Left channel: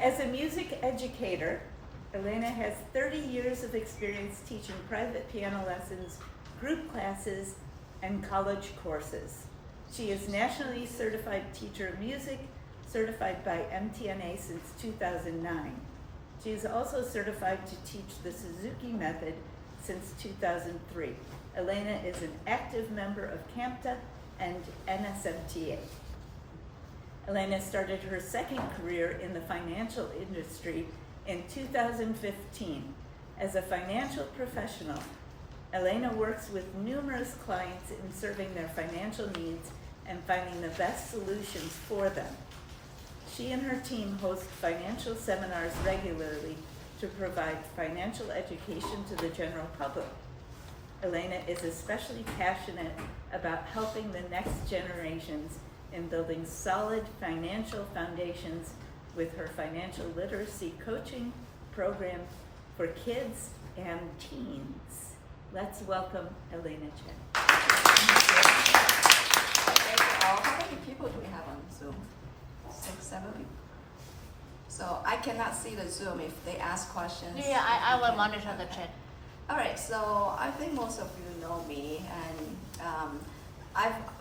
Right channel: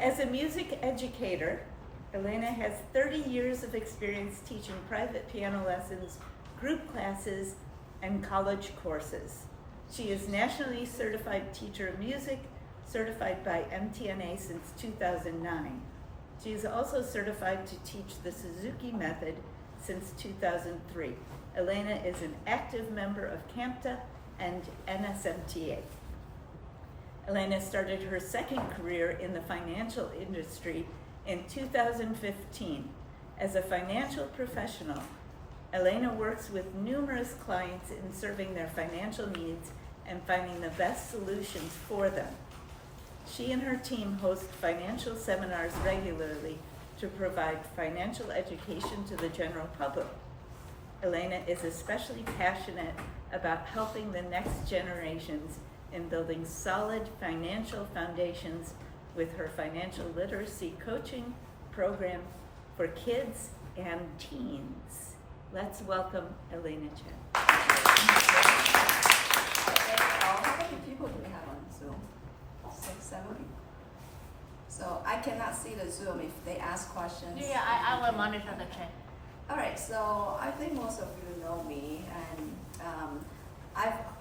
As a music educator, Ellena has 30 years of experience teaching private piano lessons, group classes, and college courses. She is nationally certified teacher of music, certified by MTNA since 2009. She is also certified to teach the Suzuki method since 2003. Ellena is an active member of CAMTA and NSMTA. Ellena started her second career in the financial industry in 2015. As a financial professional, Ellena works with numerous clients in serving their financial needs and finding the best solutions for them. She and her team host financial seminars regularly to provide financial education to the general public. Ellena is especially passionate about helping the next generations in building solid financial foundations with her financial literacy coaching program for kids and teens. Let's welcome Ellena Chen. How many people do we have on Zoom? 6, 7? So I cannot see the Zoom if they ask questions. Yeah, I will monitor the chat. All right, so I think most of you know me, and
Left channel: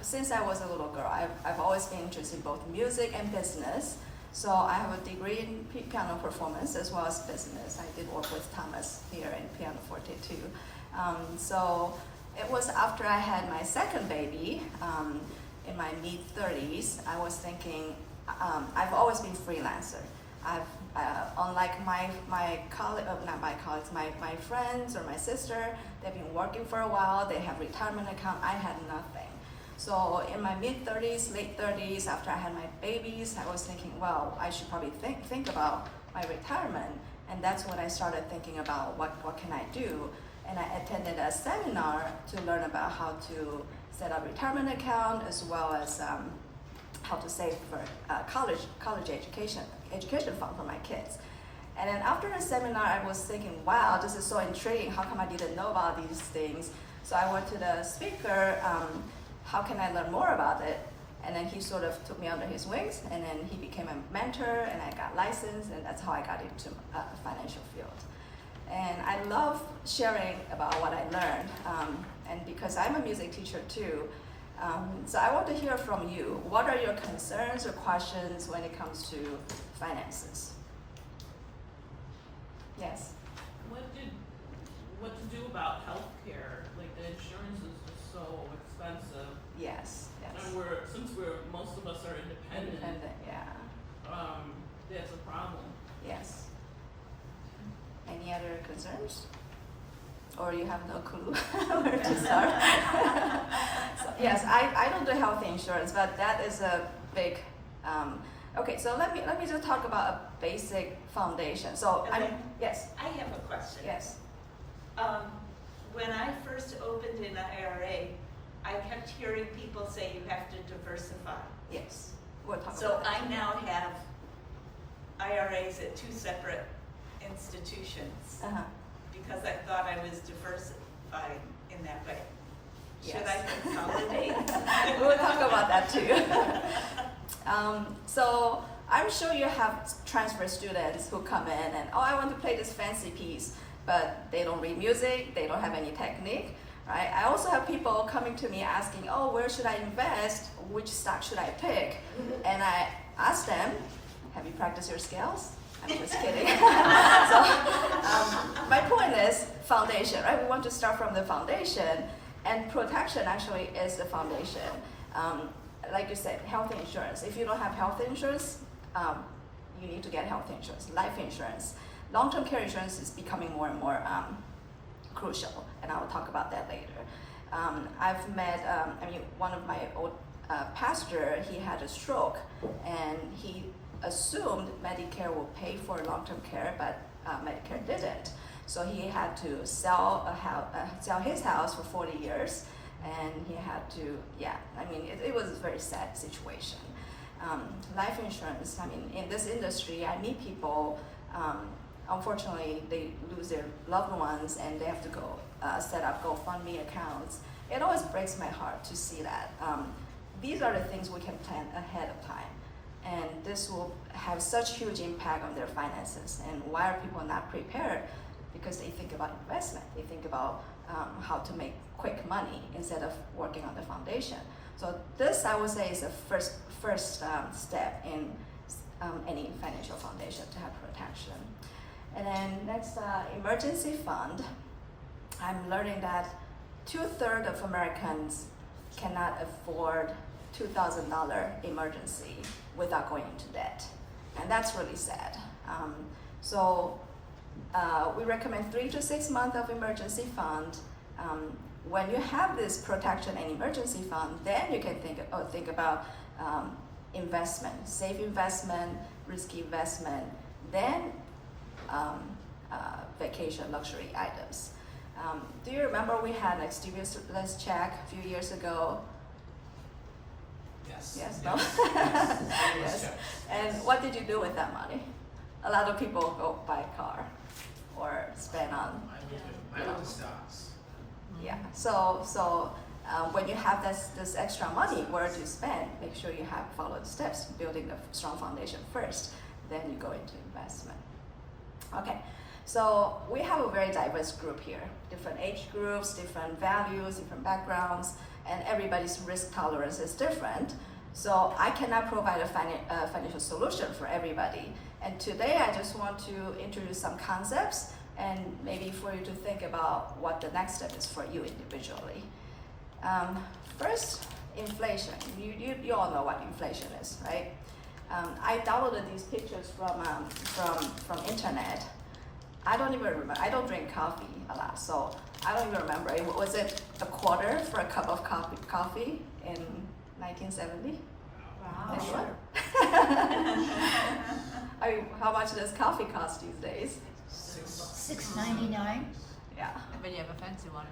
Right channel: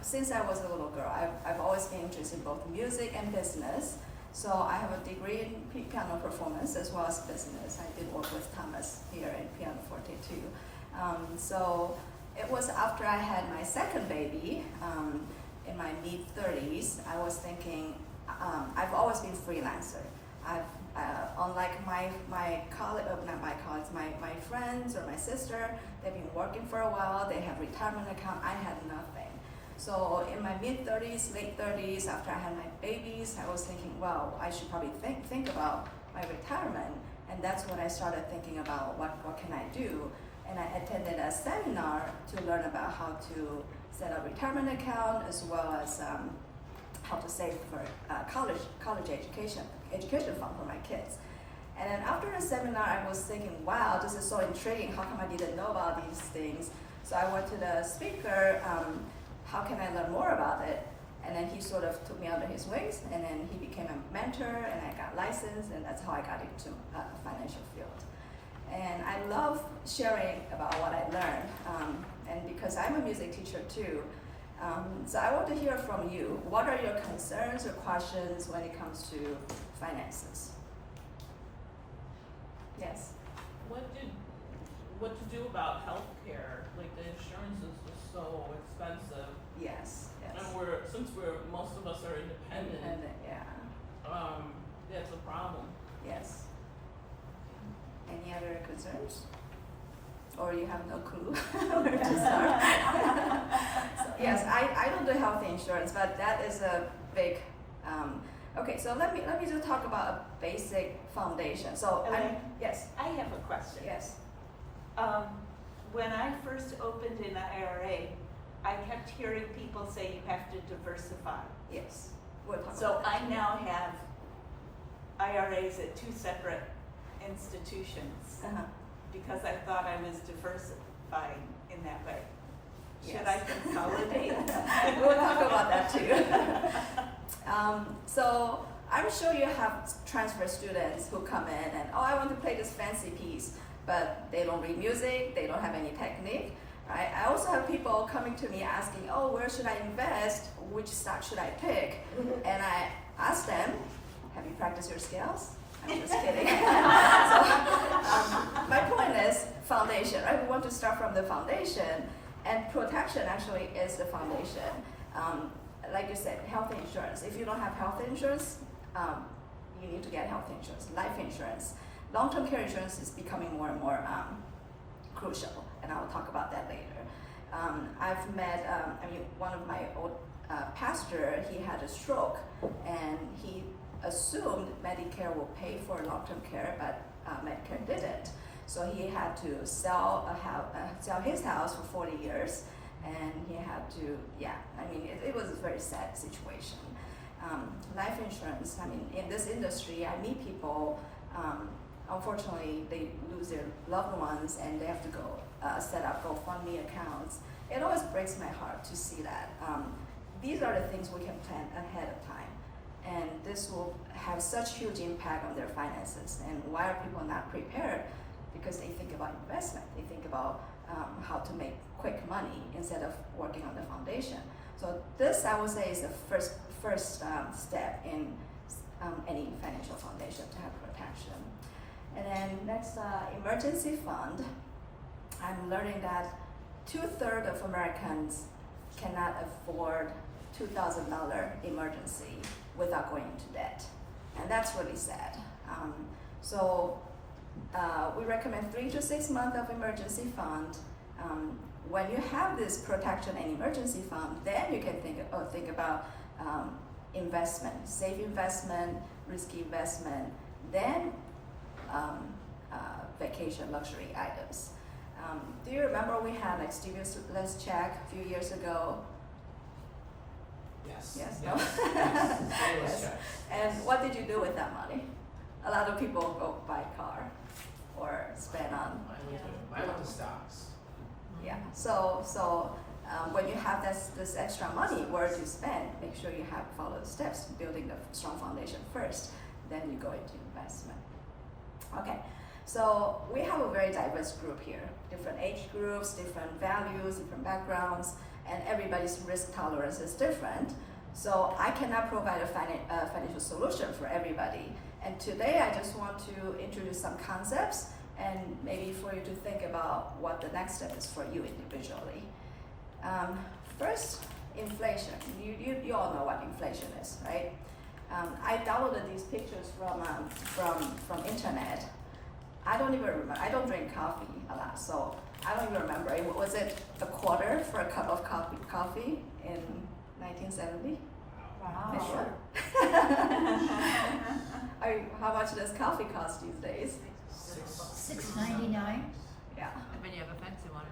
since I was a little girl, I've always been interested in both music and business. So I have a degree in piano performance as well as business. I did work with Thomas here in Pianoforte too. So it was after I had my second baby in my mid-30s, I was thinking, I've always been freelancer. Unlike my friends or my sister, they've been working for a while, they have retirement account, I had nothing. So in my mid-30s, late 30s, after I had my babies, I was thinking, well, I should probably think about my retirement. And that's when I started thinking about what can I do. And I attended a seminar to learn about how to set up retirement account as well as how to save for college education fund for my kids. And then after the seminar, I was thinking, wow, this is so intriguing. How come I didn't know about these things? So I went to the speaker, how can I learn more about it? And then he sort of took me under his wings, and then he became a mentor, and I got licensed, and that's how I got into the financial field. And I love sharing about what I learned, and because I'm a music teacher too, so I want to hear from you. What are your concerns or questions when it comes to finances? Yes? What to do about healthcare? Like the insurance is so expensive. Yes. And since most of us are independent, yeah. That's a problem. Yes. Any other concerns? Or you have no clue where to start? So, yes, I don't do health insurance, but that is a big. Okay, so let me just talk about a basic foundation. So yes. I have a question. Yes. When I first opened an IRA, I kept hearing people say you have to diversify. Yes. We'll talk So about that. I now have IRAs at 2 separate institutions because I thought I was diversifying in that way. Should I consolidate? We'll talk about that too. So I'm sure you have transfer students who come in and, I want to play this fancy piece, but they don't read music, they don't have any technique, right? I also have people coming to me asking, where should I invest? Which stock should I pick? And I ask them, have you practiced your scales? I'm just kidding. So my point is foundation, right? We want to start from the foundation, and protection actually is the foundation. Like you said, health insurance. If you don't have health insurance, you need to get health insurance, life insurance. Long-term care insurance is becoming more and more crucial, and I will talk about that later. I've met, one of my old pastor, he had a stroke, and he assumed Medicare will pay for long-term care, but Medicare didn't. So he had to sell his house for 40 years, and he had to, it was a very sad situation. Life insurance, in this industry, I meet people, unfortunately, they lose their loved ones, and they have to go set up GoFundMe accounts. It always breaks my heart to see that. These are the things we can plan ahead of time. And this will have such huge impact on their finances. And why are people not prepared? Because they think about investment. They think about how to make quick money instead of working on the foundation. So this, I would say, is the first step in any financial foundation to have protection. And then next, emergency fund. I'm learning that 2/3 of Americans cannot afford $2,000 emergency without going into debt, and that's really sad. So we recommend 3 to 6 months of emergency fund. When you have this protection and emergency fund, then you can think about investment, safe investment, risky investment, then vacation luxury items. Do you remember we had like stimulus check a few years ago? Yes. Yes, no? Yes. Yes. And what did you do with that money? A lot of people go buy a car or spend on, I went to stocks. yeah. So when you have this extra money, where to spend, make sure you have follow the steps, building a strong foundation first, then you go into investment. Okay, so we have a very diverse group here, different age groups, different values, different backgrounds, and everybody's risk tolerance is different. So I cannot provide a financial solution for everybody. And today I just want to introduce some concepts and maybe for you to think about what the next step is for you individually. First, inflation. You all know what inflation is, right? I downloaded these pictures from internet. I don't even remember. I don't drink coffee a lot, so I don't even remember. Was it a quarter for a cup of coffee in 1970? Anyone? How much does coffee cost these days? $6.99. Yeah. When you have a fancy one.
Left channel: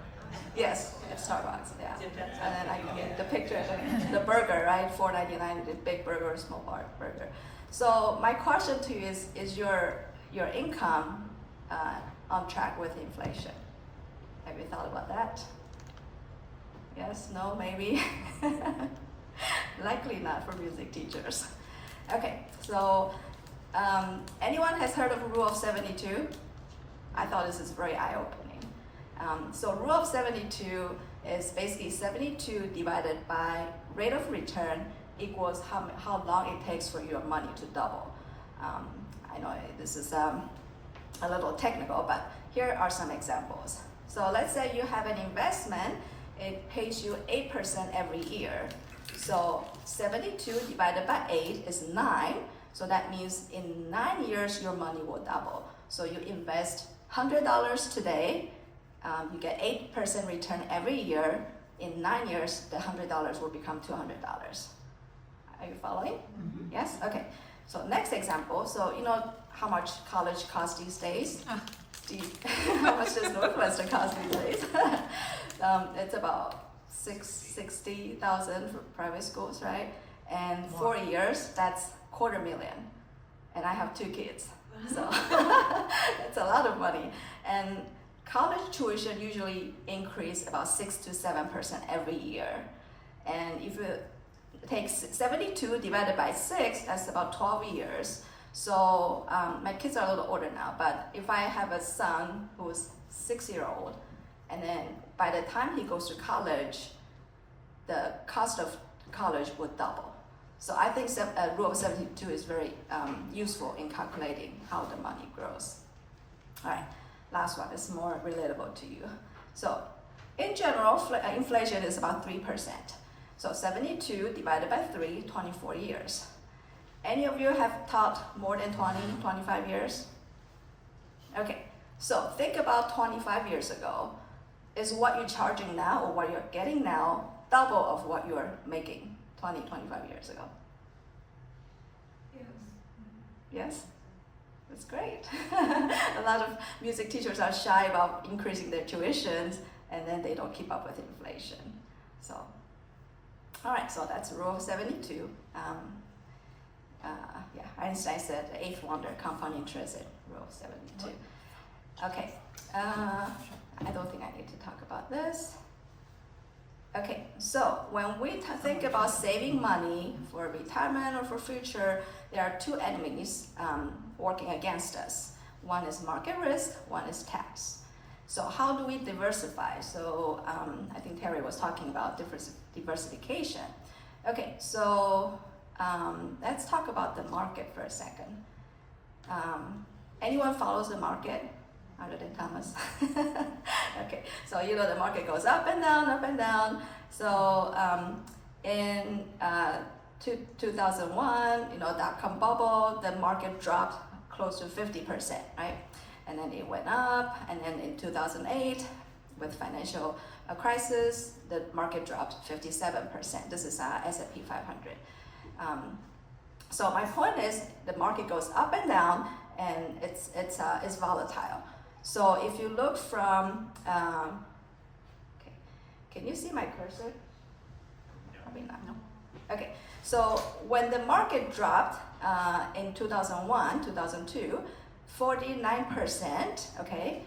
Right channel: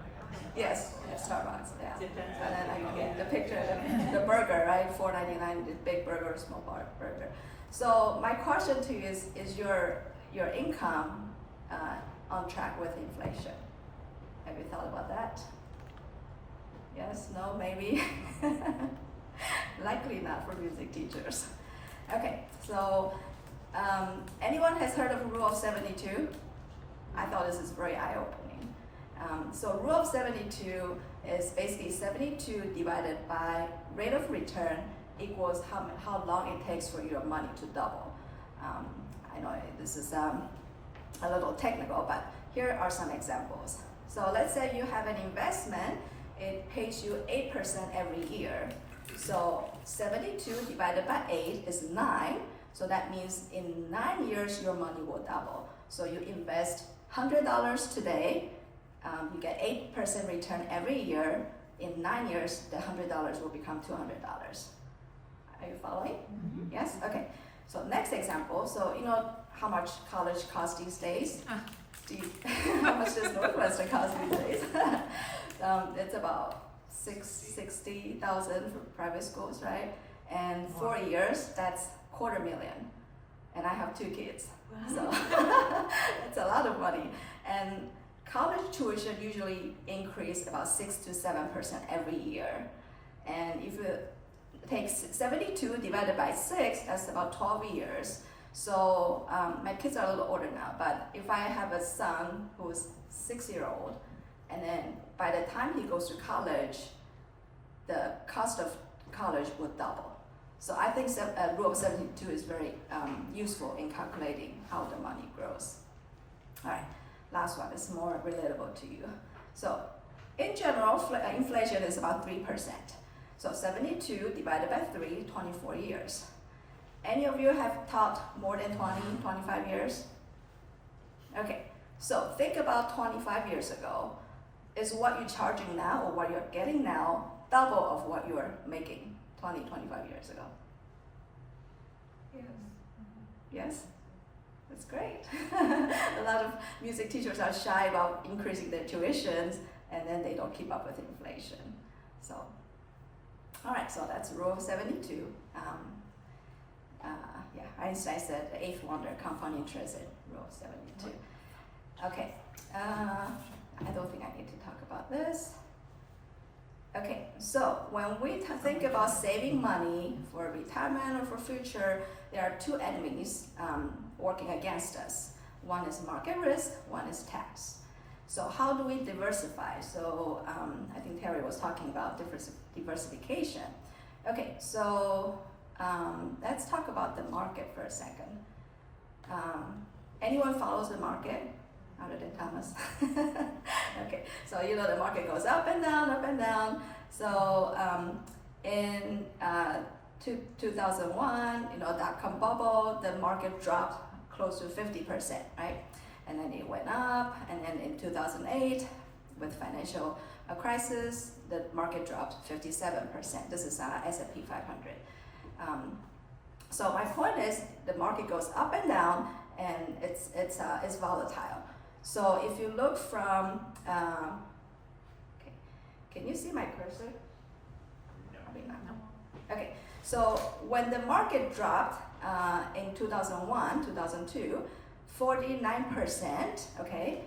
Yes, Starbucks. Yeah. And then I get the picture, the burger, right? $4.99, the big burger, small burger. So my question to you is your income on track with inflation? Have you thought about that? Yes, no, maybe? Likely not for music teachers. Okay, so anyone has heard of Rule of 72? I thought this is very eye-opening. So Rule of 72 is basically 72 divided by rate of return equals how long it takes for your money to double. I know this is a little technical, but here are some examples. So let's say you have an investment, it pays you 8% every year. So 72 divided by 8 is 9. So that means in 9 years, your money will double. So you invest $100 today, you get 8% return every year. In 9 years, the $100 will become $200. Are you following? Mm-hmm. Yes? Okay. So next example. So you know how much college costs these days? How much does Northwestern cost these days? It's about $60,000 for private schools, right? And 4 years, that's $250,000. And I have 2 kids, so it's a lot of money. And college tuition usually increase about 6 to 7% every year. And if you take 72 divided by 6, that's about 12 years. So my kids are a little older now, but if I have a son who's 6-year-old, and then by the time he goes to college, the cost of college would double. So I think Rule of 72 is very useful in calculating how the money grows. All right, last one is more relatable to you. So in general, inflation is about 3%. So 72 divided by 3, 24 years. Any of you have taught more than 20, 25 years? Okay, so think about 25 years ago. Is what you're charging now or what you're getting now double of what you're making 20, 25 years ago? Yes. Yes? That's great. A lot of music teachers are shy about increasing their tuitions and then they don't keep up with inflation. So, all right, so that's Rule of 72. Einstein said the 8th wonder, compound interest at Rule of 72. Okay, I don't think I need to talk about this. Okay, so when we think about saving money for retirement or for future, there are two enemies working against us. One is market risk, one is tax. So how do we diversify? So I think Terry was talking about diversification. Okay, so let's talk about the market for a second. Anyone follows the market other than Thomas? Okay, so you know the market goes up and down, up and down. So in 2001, you know, dot-com bubble, the market dropped close to 50%, right? And then it went up, and then in 2008, with financial crisis, the market dropped 57%. This is S&P 500. So my point is, the market goes up and down, and it's volatile. So if you look from, okay, can you see my cursor? Probably not. No. Okay. So when the market dropped in 2001, 2002, 49%. Okay.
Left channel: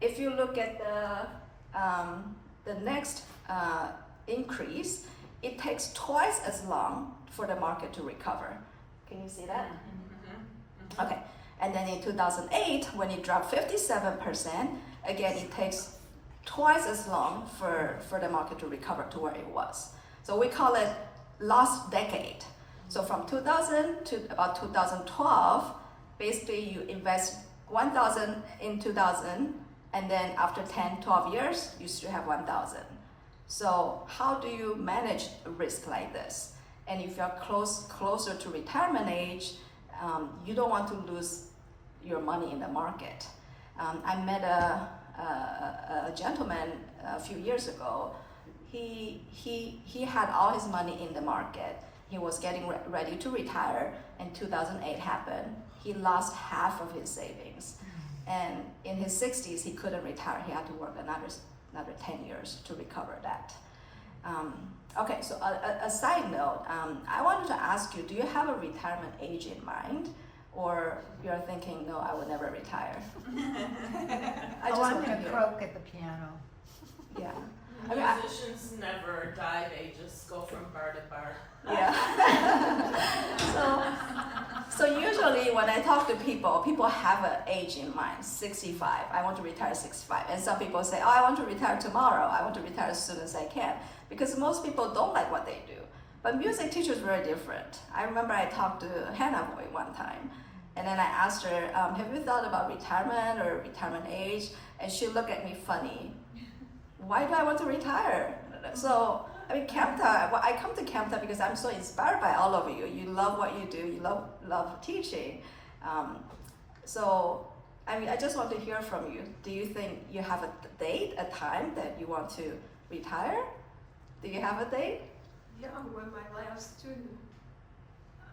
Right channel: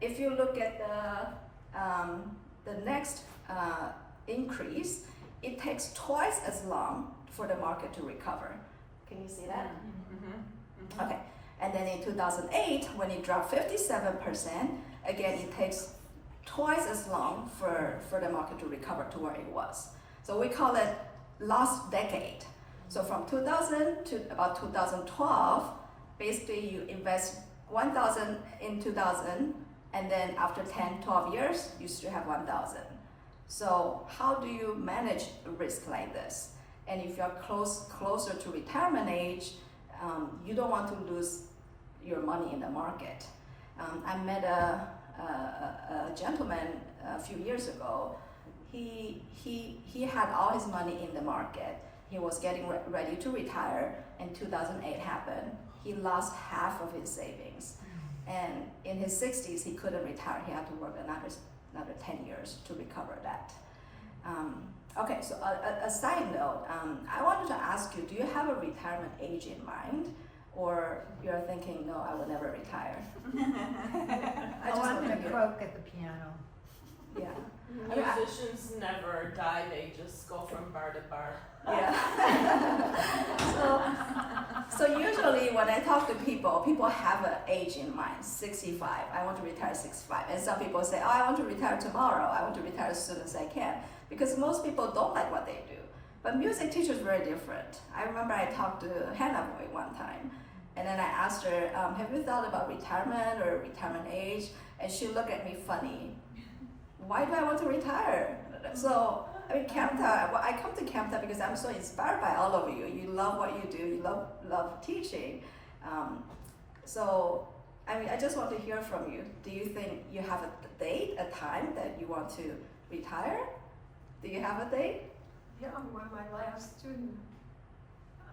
If you look at the next increase, it takes twice as long for the market to recover. Can you see that? Mm-hmm. Okay. And then in 2008, when it dropped 57%, again, it takes twice as long for the market to recover to where it was. So we call it lost decade. So from 2000 to about 2012, basically you invest 1,000 in 2000, and then after 10, 12 years, you still have 1,000. So how do you manage a risk like this? And if you're closer to retirement age, you don't want to lose your money in the market. I met a gentleman a few years ago. He had all his money in the market. He was getting ready to retire, and 2008 happened. He lost half of his savings, and in his 60s he couldn't retire. He had to work another 10 years to recover that. Okay, so a side note, I wanted to ask you, do you have a retirement age in mind? Or you're thinking, no, I will never retire? I just want to hear. croak at the piano. Yeah. I mean, Musicians never die, they just go from bar to bar. yeah. So usually when I talk to people have an age in mind, 65. I want to retire 65. And some people say, oh, I want to retire tomorrow. I want to retire as soon as I can. Because most people don't like what they do. But music teachers are very different. I remember I talked to Hannah Boy one time, and then I asked her, have you thought about retirement or retirement age? And she looked at me funny. Why do I want to retire? So, I mean, CAMTA, well, I come to CAMTA because I'm so inspired by all of you. You love what you do, you love teaching. So, I mean, I just want to hear from you. Do you think you have a date, a time that you want to retire? Do you have a date? Yeah, when my last student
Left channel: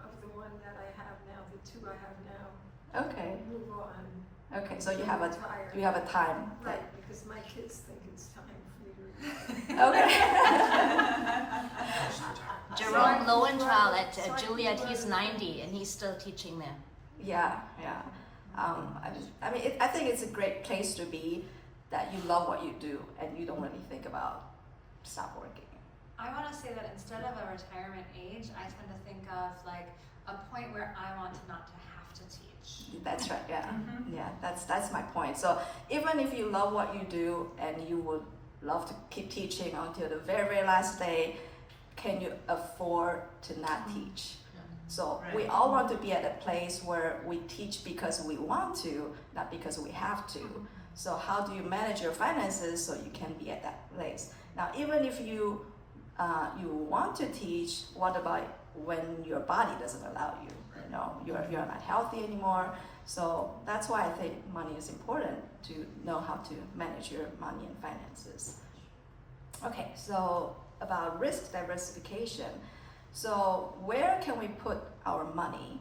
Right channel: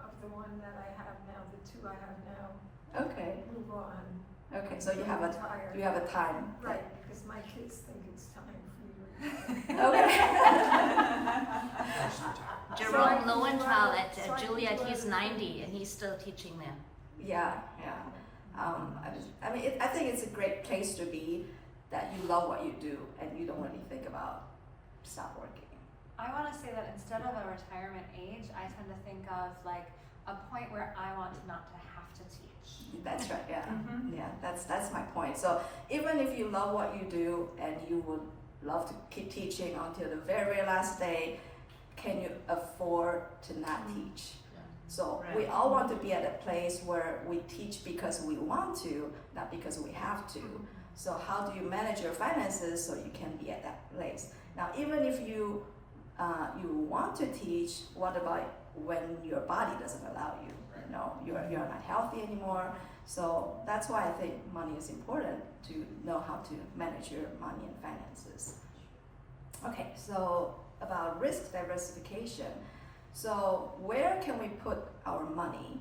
of the one that I have now, the two I have now, Okay. move on. Okay, so you have a retire. time. Right, because my kids think it's time for me to retire. Okay. Jerome Lowenthal so I at can Juilliard, learn he's them. 90 and he's still teaching them. Yeah. I mean, I think it's a great place to be, that you love what you do and you don't really think about stop working. I want to say that instead of a retirement age, I tend to think of like a point where I want not to have to teach. That's right. Yeah. Yeah. That's my point. So even if you love what you do and you would love to keep teaching until the very, very last day, can you afford to not teach? So we all want to be at a place where we teach because we want to, not because we have to. So how do you manage your finances so you can be at that place? Now, even if you want to teach, what about when your body doesn't allow you? You know, you're not healthy anymore. So that's why I think money is important, to know how to manage your money and finances. Okay, so about risk diversification. So where can we put our money?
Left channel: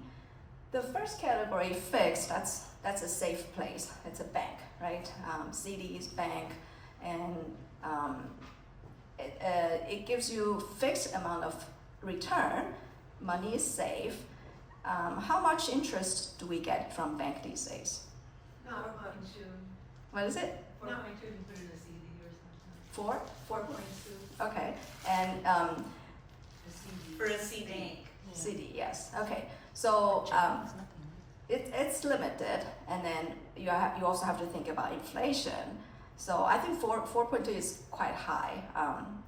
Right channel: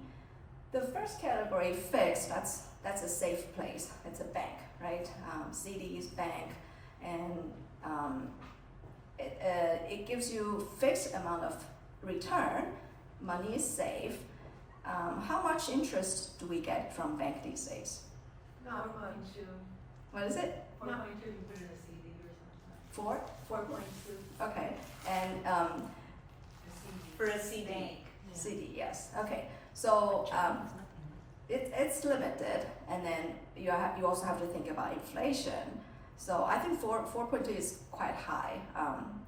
The first category, fixed, that's a safe place. It's a bank, right? CDs, bank, and it gives you fixed amount of return. Money is safe. How much interest do we get from bank these days? Not much. What is it? 4.2. 4? 4.2. Okay, and For a CD. CD, yes. Okay, so it's limited, and then you also have to think about inflation. So I think 4.2 is quite high.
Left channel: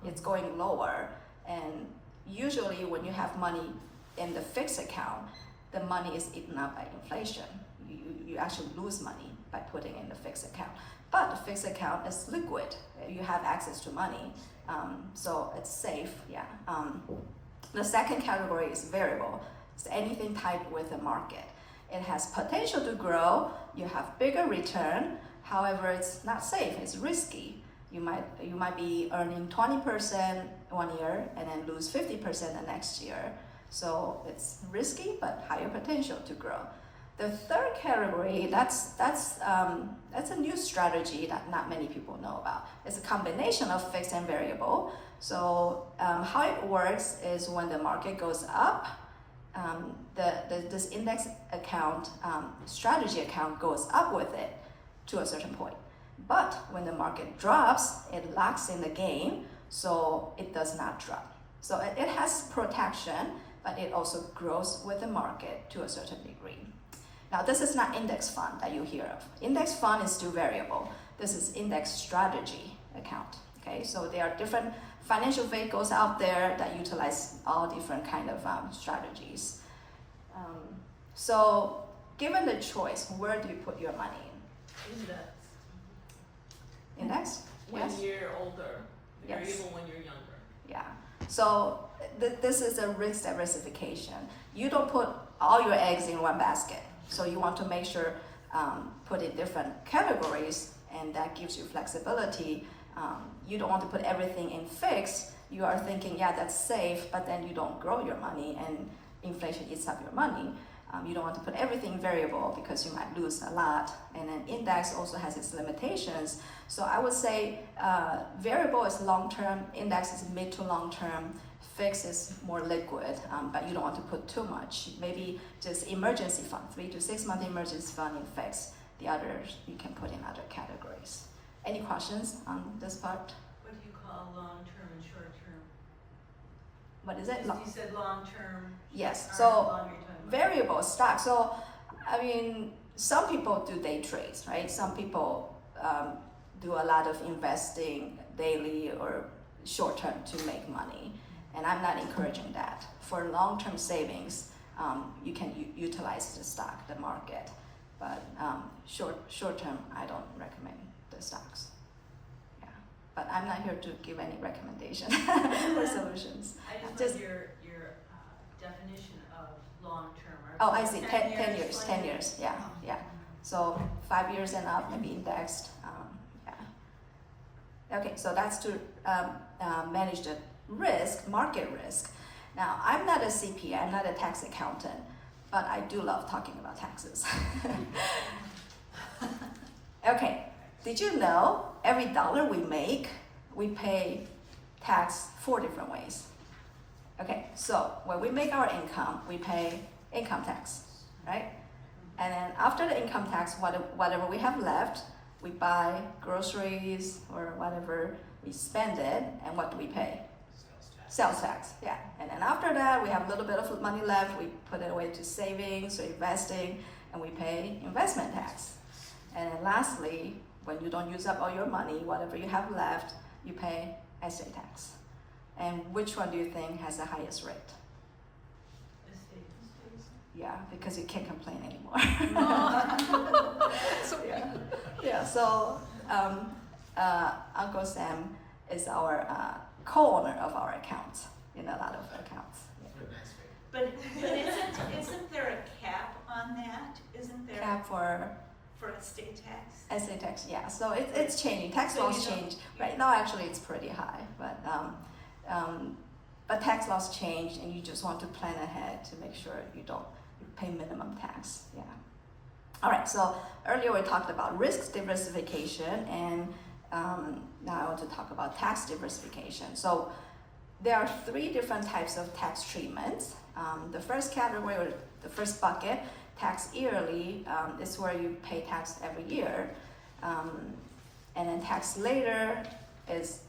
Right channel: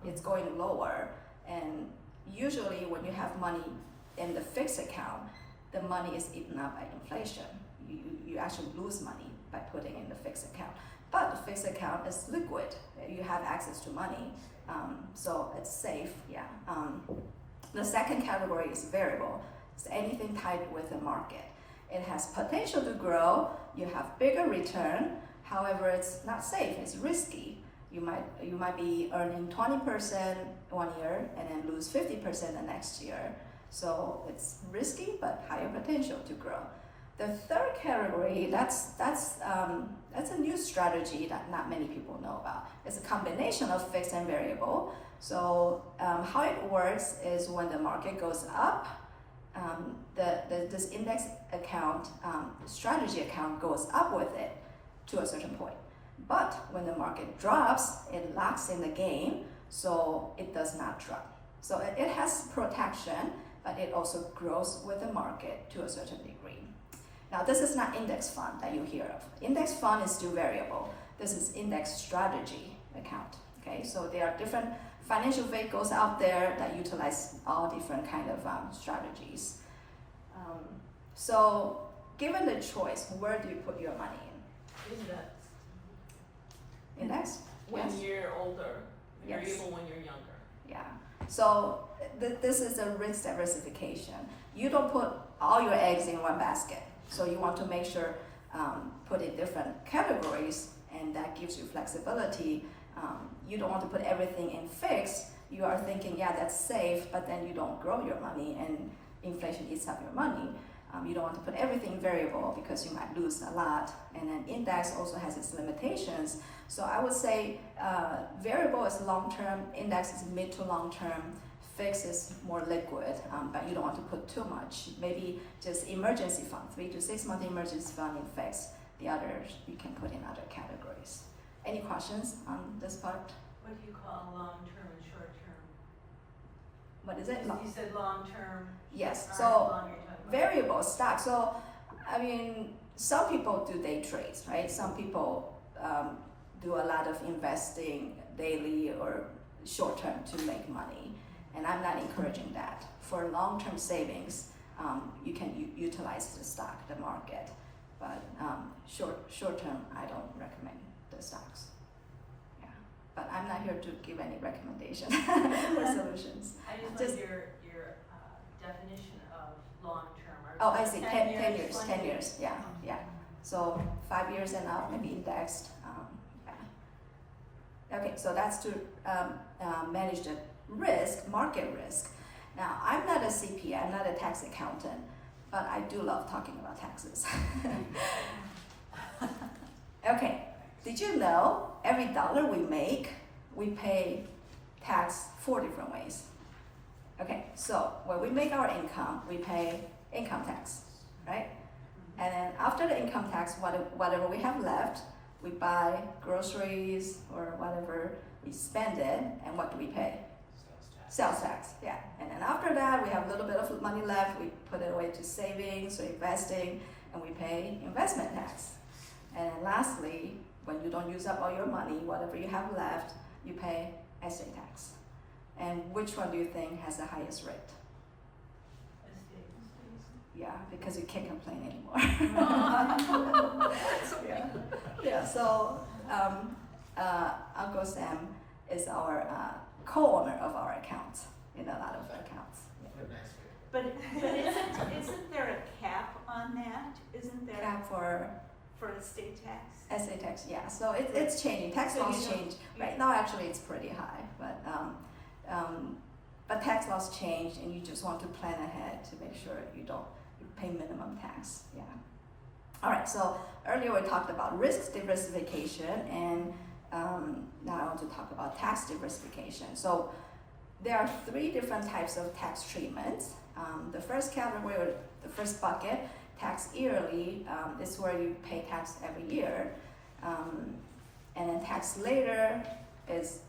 It's going lower, and usually when you have money in the fixed account, the money is eaten up by inflation. You actually lose money by putting in the fixed account. But the fixed account is liquid. You have access to money, so it's safe. Yeah. The second category is variable. It's anything tied with the market. It has potential to grow. You have bigger return. However, it's not safe. It's risky. You might be earning 20% 1 year and then lose 50% the next year. So it's risky but higher potential to grow. The third category, that's a new strategy that not many people know about. It's a combination of fixed and variable. So how it works is when the market goes up, this index account, strategy account goes up with it to a certain point. But when the market drops, it locks in the gain, so it does not drop. So it has protection, but it also grows with the market to a certain degree. Now, this is not index fund that you hear of. Index fund is still variable. This is index strategy account. Okay, so there are different financial vehicles out there that utilize all different kind of strategies. So, given the choice, where do you put your money in? Index. Index? Yes. When you're older, you're Yes. able when you're younger. Yeah. So this is a risk diversification. You don't put all your eggs in one basket. So you want to make sure put in different categories, and that gives you flexibility. You don't want to put everything in fixed. You are thinking, yeah, that's safe, but then you don't grow your money and inflation eats up your money. You don't want to put everything variable because you might lose a lot. And then index also has its limitations. So I would say variable is long-term, index is mid to long-term, fixed is more liquid, but you don't want to put too much. Maybe just emergency fund, 3 to 6 month emergency fund in fixed. The others you can put in other categories. Any questions on this part? What do you call long-term and short-term? What is it? You said long-term. Yes, Or so how long are you talking about? variable stock. So, I mean, some people do day trades, right? Some people do a lot of investing daily or short term to make money, and I'm not encouraging that. For long-term savings, you can utilize the stock, the market, but short term, I don't recommend the stocks. Yeah, but I'm not here to give any recommendation or solutions. I Just- just want your definition of long-term. Oh, I see. 10 years. 10 years. Yeah, yeah. So 5 years and up, maybe indexed. Yeah. Okay, so that's to manage the risk, market risk. Now, I'm not a CPA, I'm not a tax accountant, but I do love talking about taxes. Okay, did you know every dollar we make, we pay tax 4 different ways? Okay, so when we make our income, we pay income tax, right? And then after the income tax, whatever we have left, we buy groceries or whatever, we spend it, and what do we pay? Sales tax, yeah. And then after that, we have a little bit of money left, we put it away to savings or investing, and we pay investment tax. And then lastly, when you don't use up all your money, whatever you have left, you pay estate tax. And which one do you think has the highest rate? Yeah, because you can't complain anymore. Yeah, yeah. So Uncle Sam is our co-owner of our accounts in a lot of accounts. What a nice way. But isn't there a cap on that? Isn't there Cap for estate tax? estate tax, yeah. So it's changing. Tax laws change. Right now, actually, it's pretty high, but tax laws change, and you just want to plan ahead to make sure you don't pay minimum tax. Yeah. All right. So earlier we talked about risk diversification, and now I want to talk about tax diversification. So there are 3 different types of tax treatments. The first category, or the first bucket, tax yearly, is where you pay tax every year, and then tax later is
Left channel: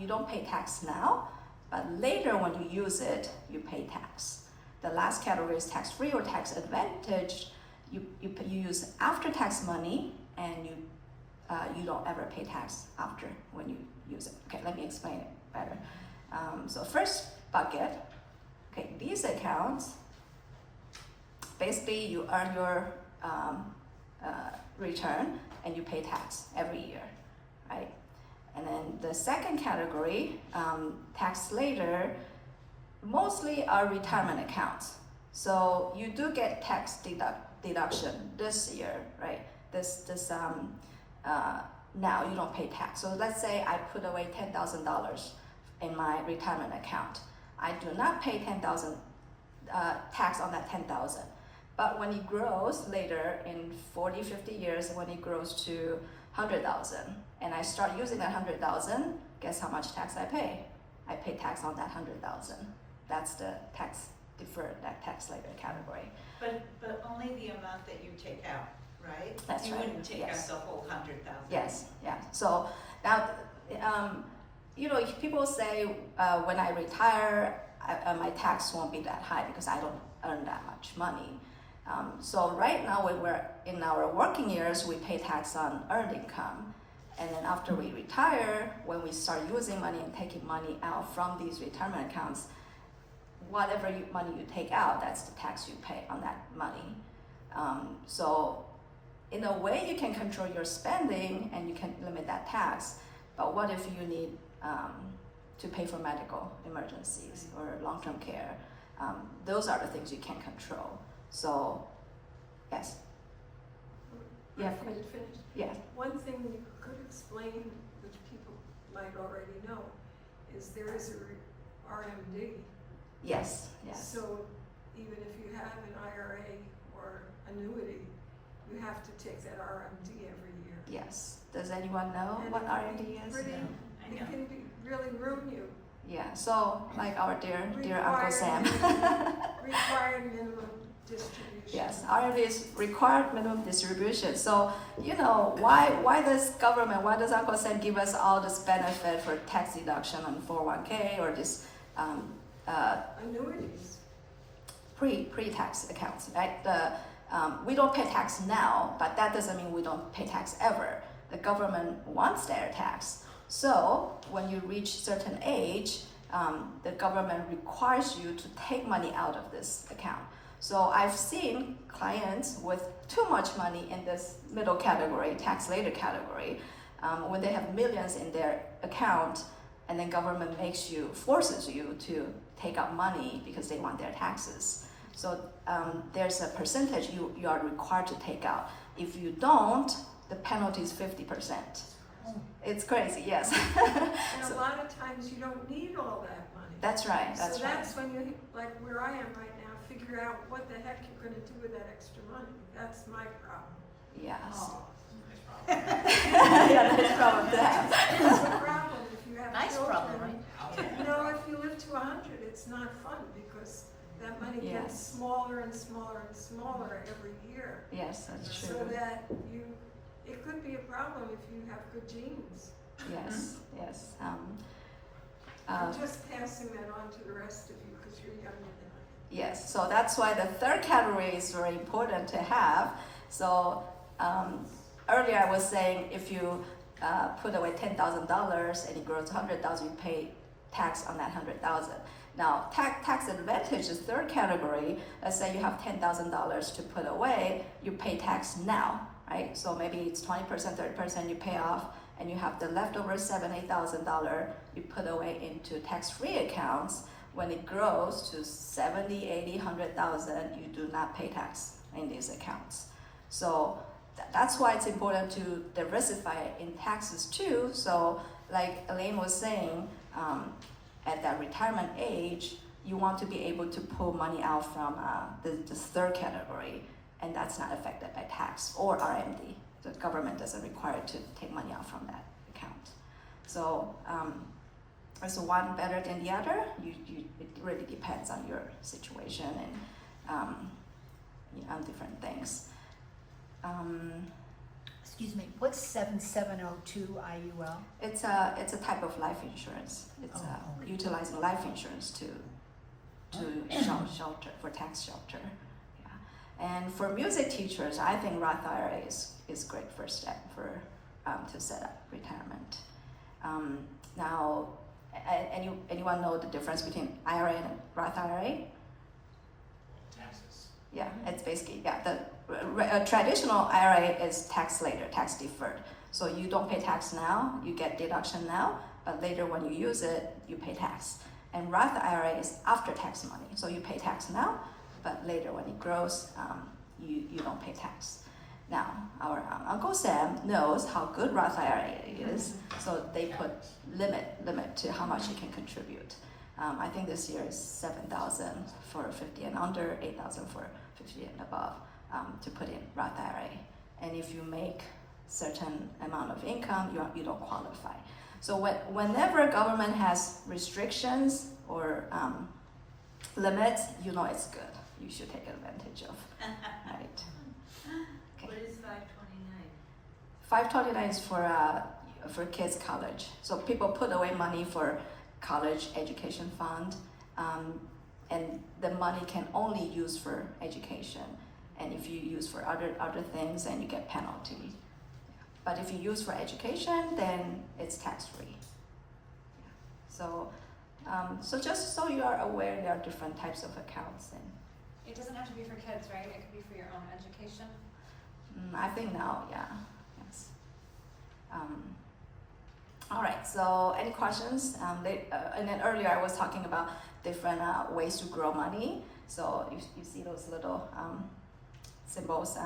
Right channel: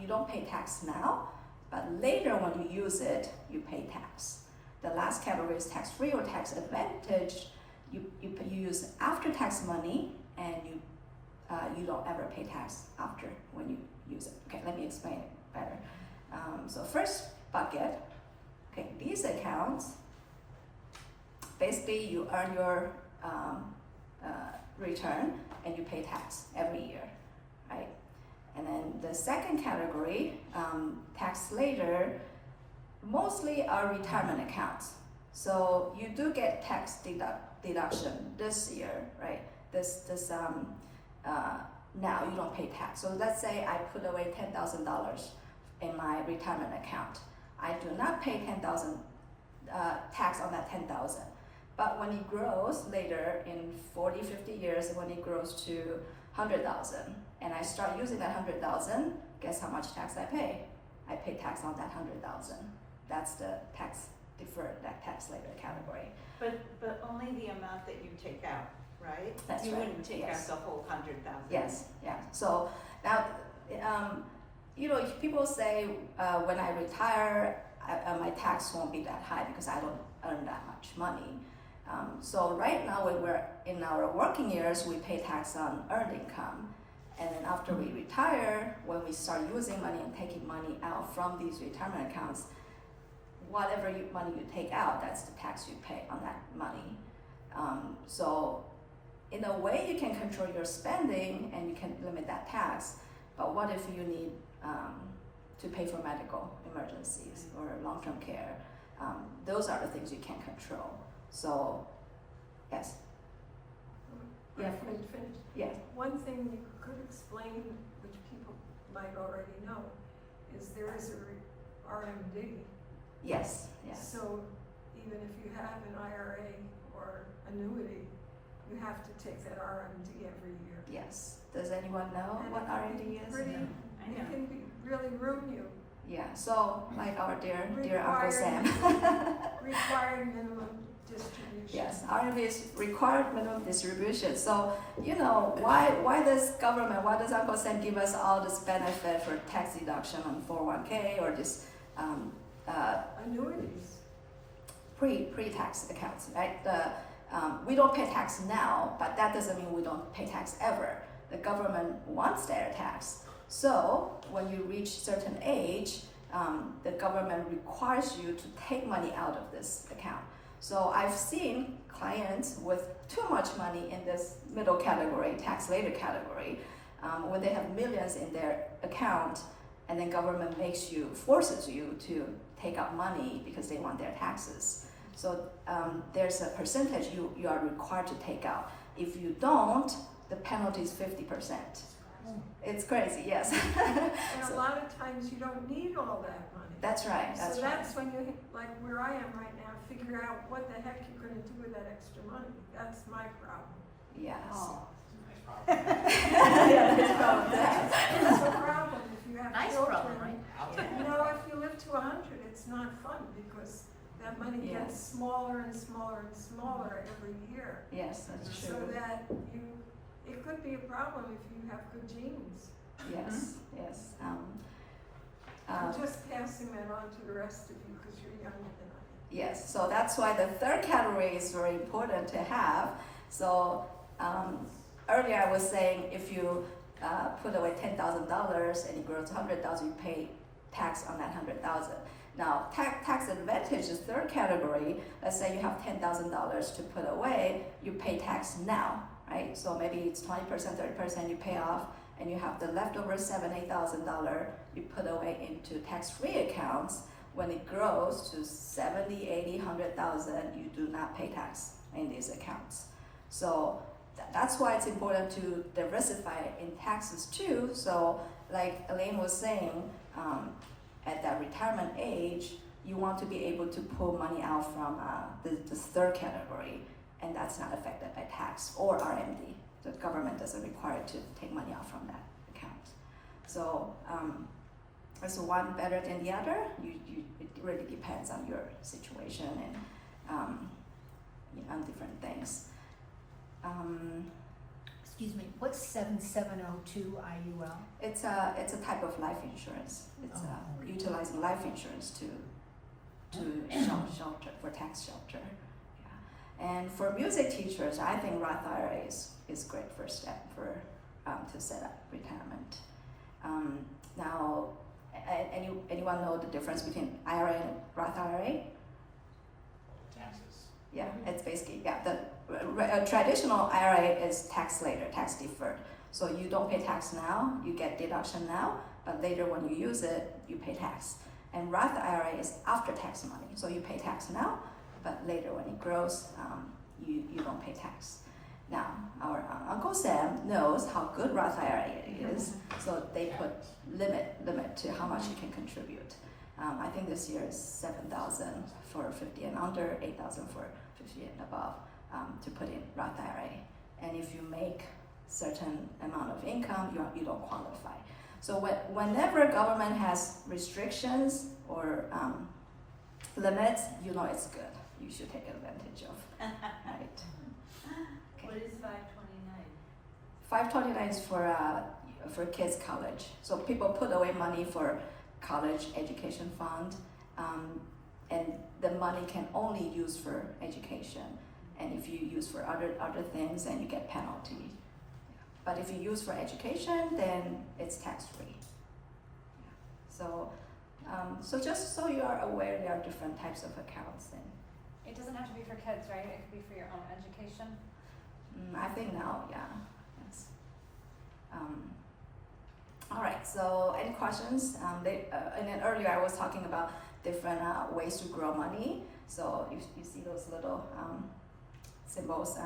you don't pay tax now, but later when you use it, you pay tax. The last category is tax-free or tax advantage. You use after-tax money, and you don't ever pay tax after when you use it. Okay, let me explain it better. So first bucket, okay, these accounts, basically you earn your return and you pay tax every year, right? And then the second category, tax later, mostly are retirement accounts. So you do get tax deduction this year, right? Now you don't pay tax. So let's say I put away $10,000 in my retirement account. I do not pay $10,000 tax on that $10,000. But when it grows later in 40, 50 years, when it grows to $100,000, and I start using that $100,000, guess how much tax I pay? I pay tax on that $100,000. That's the tax deferred, that tax later category. But only the amount that you take out, right? That's you right. wouldn't take Yes. out the whole 100,000. Yes, yeah. So now, if people say when I retire, my tax won't be that high because I don't earn that much money. So right now, when we're in our working years, we pay tax on earned income. And then after we retire, when we start using money and taking money out from these retirement accounts, whatever money you take out, that's the tax you pay on that money. So in a way, you can control your spending and you can limit that tax. But what if you need to pay for medical emergencies or long-term care? Those are the things you can control. So, yes. Yeah. Finish. Yeah. One thing you could explain, which people might already know, is there is a RMD. Yes. Yes. So even if you have an IRA or annuity, you have to take that RMD every year. Yes. Does anyone know And what it can RMD be is? pretty, Yeah. it can be really ruin you. Yeah. So, like our dear Uncle Sam. Required minimum distribution. Yes, RMD is required minimum distribution. So, why does Uncle Sam give us all this benefit for tax deduction on 401k or this Annuities. pre-tax accounts, right? We don't pay tax now, but that doesn't mean we don't pay tax ever. The government wants their tax. So when you reach certain age, the government requires you to take money out of this account. So I've seen clients with too much money in this middle category, tax later category, when they have millions in their account, and then government forces you to take out money because they want their taxes. So there's a percentage you are required to take out. If you don't, the penalty is 50%. It's crazy, yes. And a lot of times you don't need all that money. That's right. So that's when you, like where I am right now, figure out what the heck you're going to do with that extra money. That's my problem. Yes. Oh. Yeah, that's problem to have. It's a problem if you have Nice children. problem, If you live to 100, it's not fun because that money gets Yes. smaller and smaller and smaller every year. Yes, that's So true. that it could be a problem if you have good genes. Yes, yes. I'm just passing that on to the rest of you because you're younger than I am. Yes, so that's why the third category is very important to have. So earlier I was saying if you put away $10,000 and it grows to $100,000, you pay tax on that $100,000. Now, tax advantage is third category. Let's say you have $10,000 to put away, you pay tax now, right? So maybe it's 20%, 30% you pay off, and you have the leftover $7,000, $8,000 you put away into tax-free accounts. When it grows to 70, 80, 100,000, you do not pay tax in these accounts. So that's why it's important to diversify in taxes too. So like Elaine was saying, at that retirement age, you want to be able to pull money out from this third category, and that's not affected by tax or RMD. The government doesn't require to take money out from that account. So is one better than the other? It really depends on your situation and on different things. Excuse me, what's 7702 IUL? It's a type of life insurance. It's utilizing life insurance to shelter for tax shelter. Yeah. And for music teachers, I think Roth IRA is great first step for to set up retirement. Now, anyone know the difference between IRA and Roth IRA? Taxes. Yeah, it's basically a traditional IRA is tax later, tax deferred. So you don't pay tax now, you get deduction now, but later when you use it, you pay tax. And Roth IRA is after tax money, so you pay tax now, but later when it grows, you don't pay tax. Now, our Uncle Sam knows how good Roth IRA is, so they put limit to how much you can contribute. I think this year is 7,000 for 50 and under, 8,000 for 50 and above to put in Roth IRA. And if you make certain amount of income, you don't qualify. So whenever government has restrictions or limits, you know it's good. You should take advantage of, right? What is 529? 529 is for kids' college. So people put away money for college education fund, and the money can only use for education. And if you use for other things, then you get penalty. But if you use for education, then it's tax free. So just so you are aware, there are different types of accounts. And It doesn't have to be for kids, right? It could be for your own education. I think now, yeah, yes. All right. So any questions? And then earlier I was talking about different ways to grow money. So you see those little symbols.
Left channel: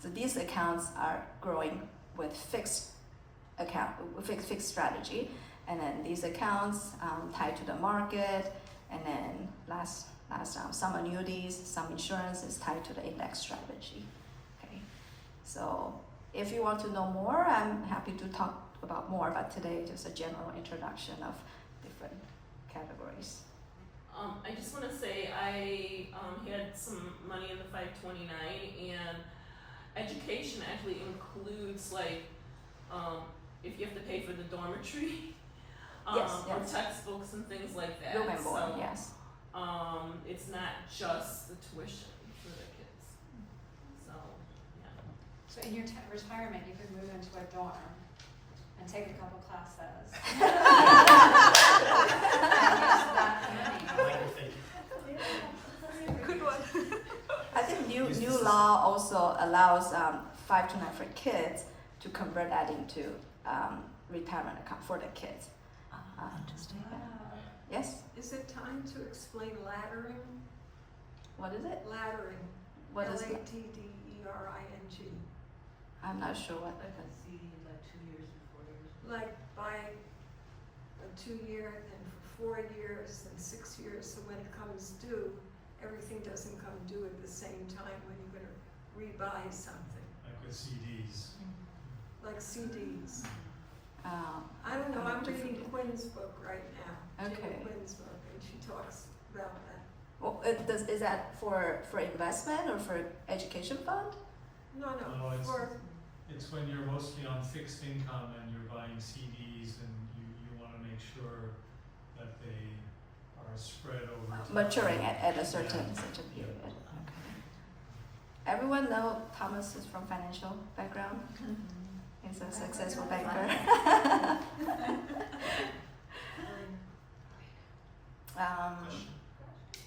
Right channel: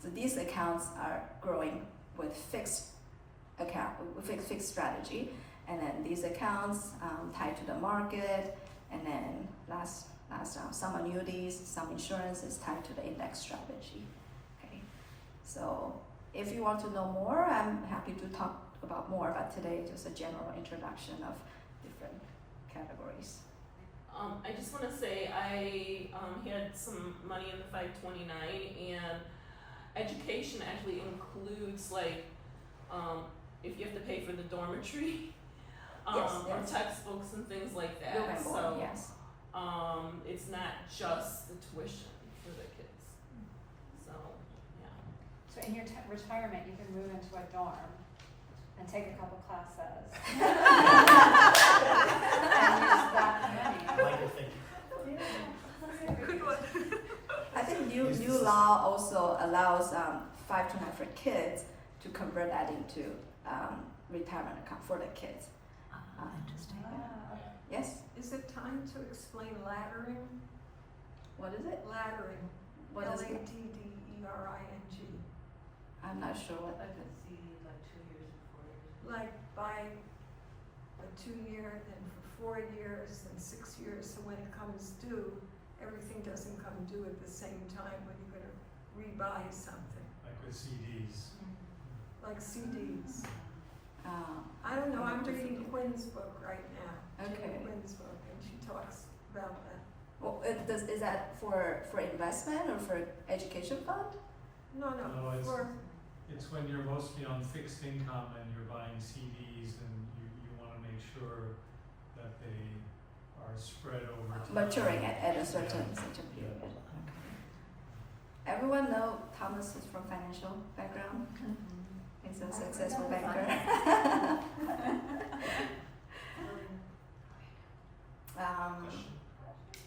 So these accounts are growing with fixed strategy, and then these accounts tied to the market, and then last some annuities, some insurance is tied to the index strategy. Okay, so if you want to know more, I'm happy to talk about more, but today just a general introduction of different categories. I just want to say I had some money in the 529, and education actually includes like if you have to pay for the dormitory, Yes. or textbooks and things like that. Room and board, So yes. it's not just the tuition for the kids. So yeah. So in your retirement, you could move into a dorm and take a couple classes. And use that money. Later, thank you. Good one. I think new law also allows 529 for kids to convert that into retirement account for the kids. Interesting. Yes. Is it time to explain laddering? What is it? Laddering. What is it? LADDERING. I'm not sure what. Like a CD, like 2 years and 4 years. Like buy a 2-year, then for 4 years, then 6 years. So when it comes due, everything doesn't come due at the same time when you're going to rebuy something. Like with CDs. Like CDs. Um, I don't know, I'm different. reading Quinn's book right now. Okay. Jane Quinn's book, and she talks about that. Well, is that for investment or for education fund? No, No, it's- for, It's when you're mostly on fixed income and you're buying CDs and you want to make sure that they are spread over time. Maturing at a certain Yeah. period. Okay. Everyone know Thomas is from financial background. He's a successful banker.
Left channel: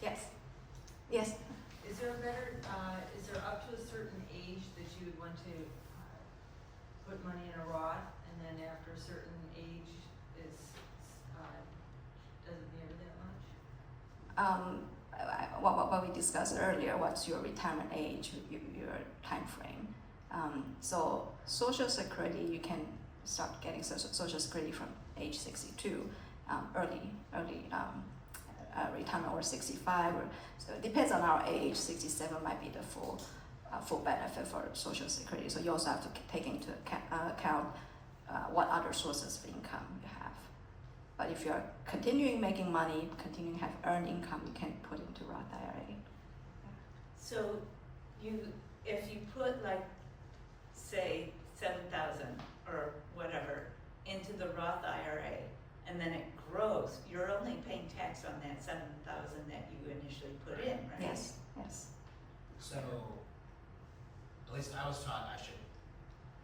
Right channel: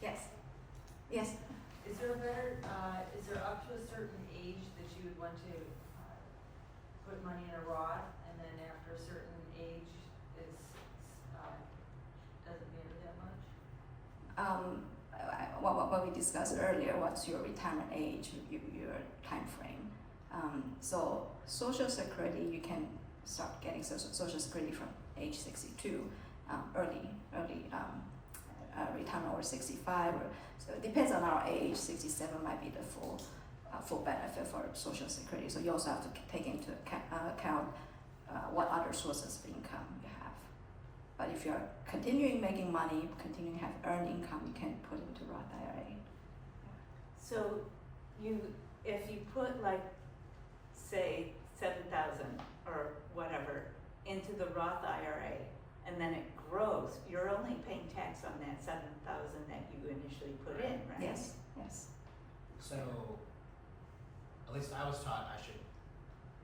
Yes. Yes. Is there a better, is there up to a certain age that you would want to put money in a Roth, and then after a certain age doesn't matter that much? What we discussed earlier, what's your retirement age, your time frame. So Social Security, you can start getting Social Security from age 62, early retirement, or 65, or so it depends on our age. 67 might be the full benefit for Social Security. So you also have to take into account what other sources of income you have. But if you're continuing making money, continuing to have earned income, you can put into Roth IRA. So if you put like, say, 7,000 or whatever into the Roth IRA, and then it grows, you're only paying tax on that 7,000 that you initially put in, right? Yes, yes. So, at least I was taught I should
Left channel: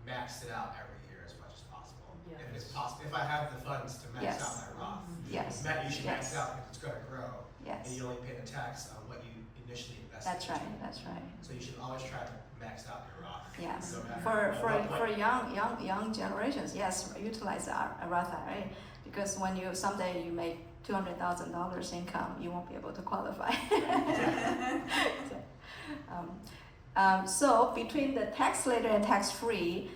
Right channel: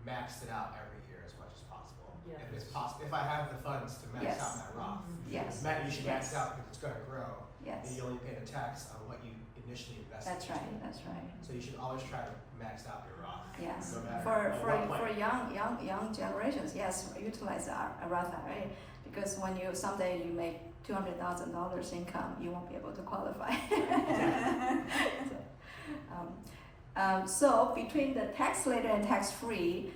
max it out every year as much as possible. Yeah. If it's possible, if I have the funds to max Yes. out my Roth, Yes. you should max Yes. out because it's going to grow. Yes. And you only pay the tax on what you initially invested. That's right, that's right. So you should always try to max out your Roth. Yes, no matter for at what point. young generations, yes, utilize a Roth IRA, because when you someday you make $200,000 income, you won't be able to qualify. So between the tax later and tax free,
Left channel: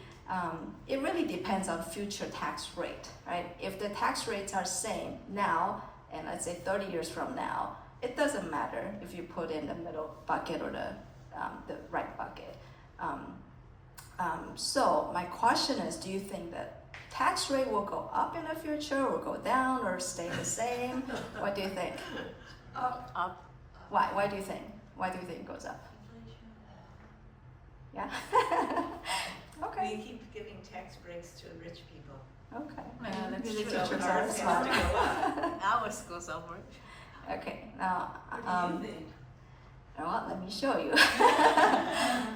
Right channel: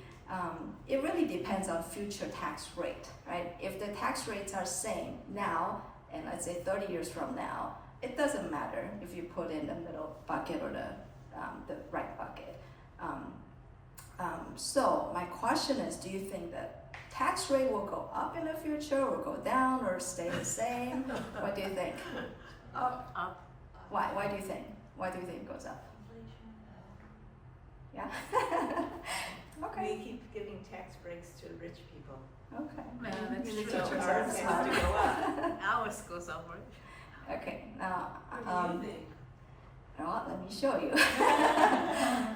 it really depends on future tax rate, right? If the tax rates are same now, and let's say 30 years from now, it doesn't matter if you put in the middle bucket or the right bucket. So my question is, do you think that tax rate will go up in the future, or go down, or stay the same? What do you think? Up. Why? Why do you think? Why do you think it goes up? Yeah. Okay. We keep giving tax breaks to rich people. Okay. Yeah, that's The true. teachers are smart. Ours goes over. Okay. Now, What do you think? well, let me show you.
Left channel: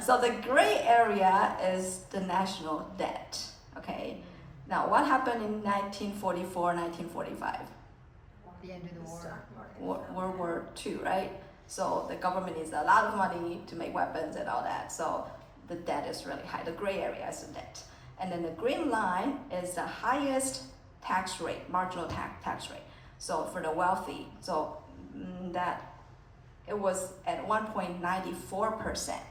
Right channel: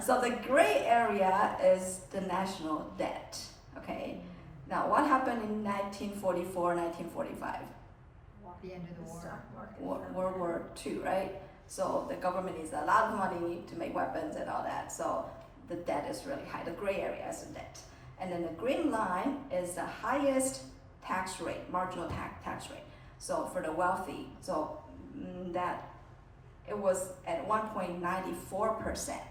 So the gray area is the national debt. Okay. Now, what happened in 1944, 1945? The end of The the war. stock market. World War II, right? So the government needs a lot of money to make weapons and all that. So the debt is really high. The gray area is the debt. And then the green line is the highest tax rate, marginal tax rate. So for the wealthy, so that it was at 1.94%.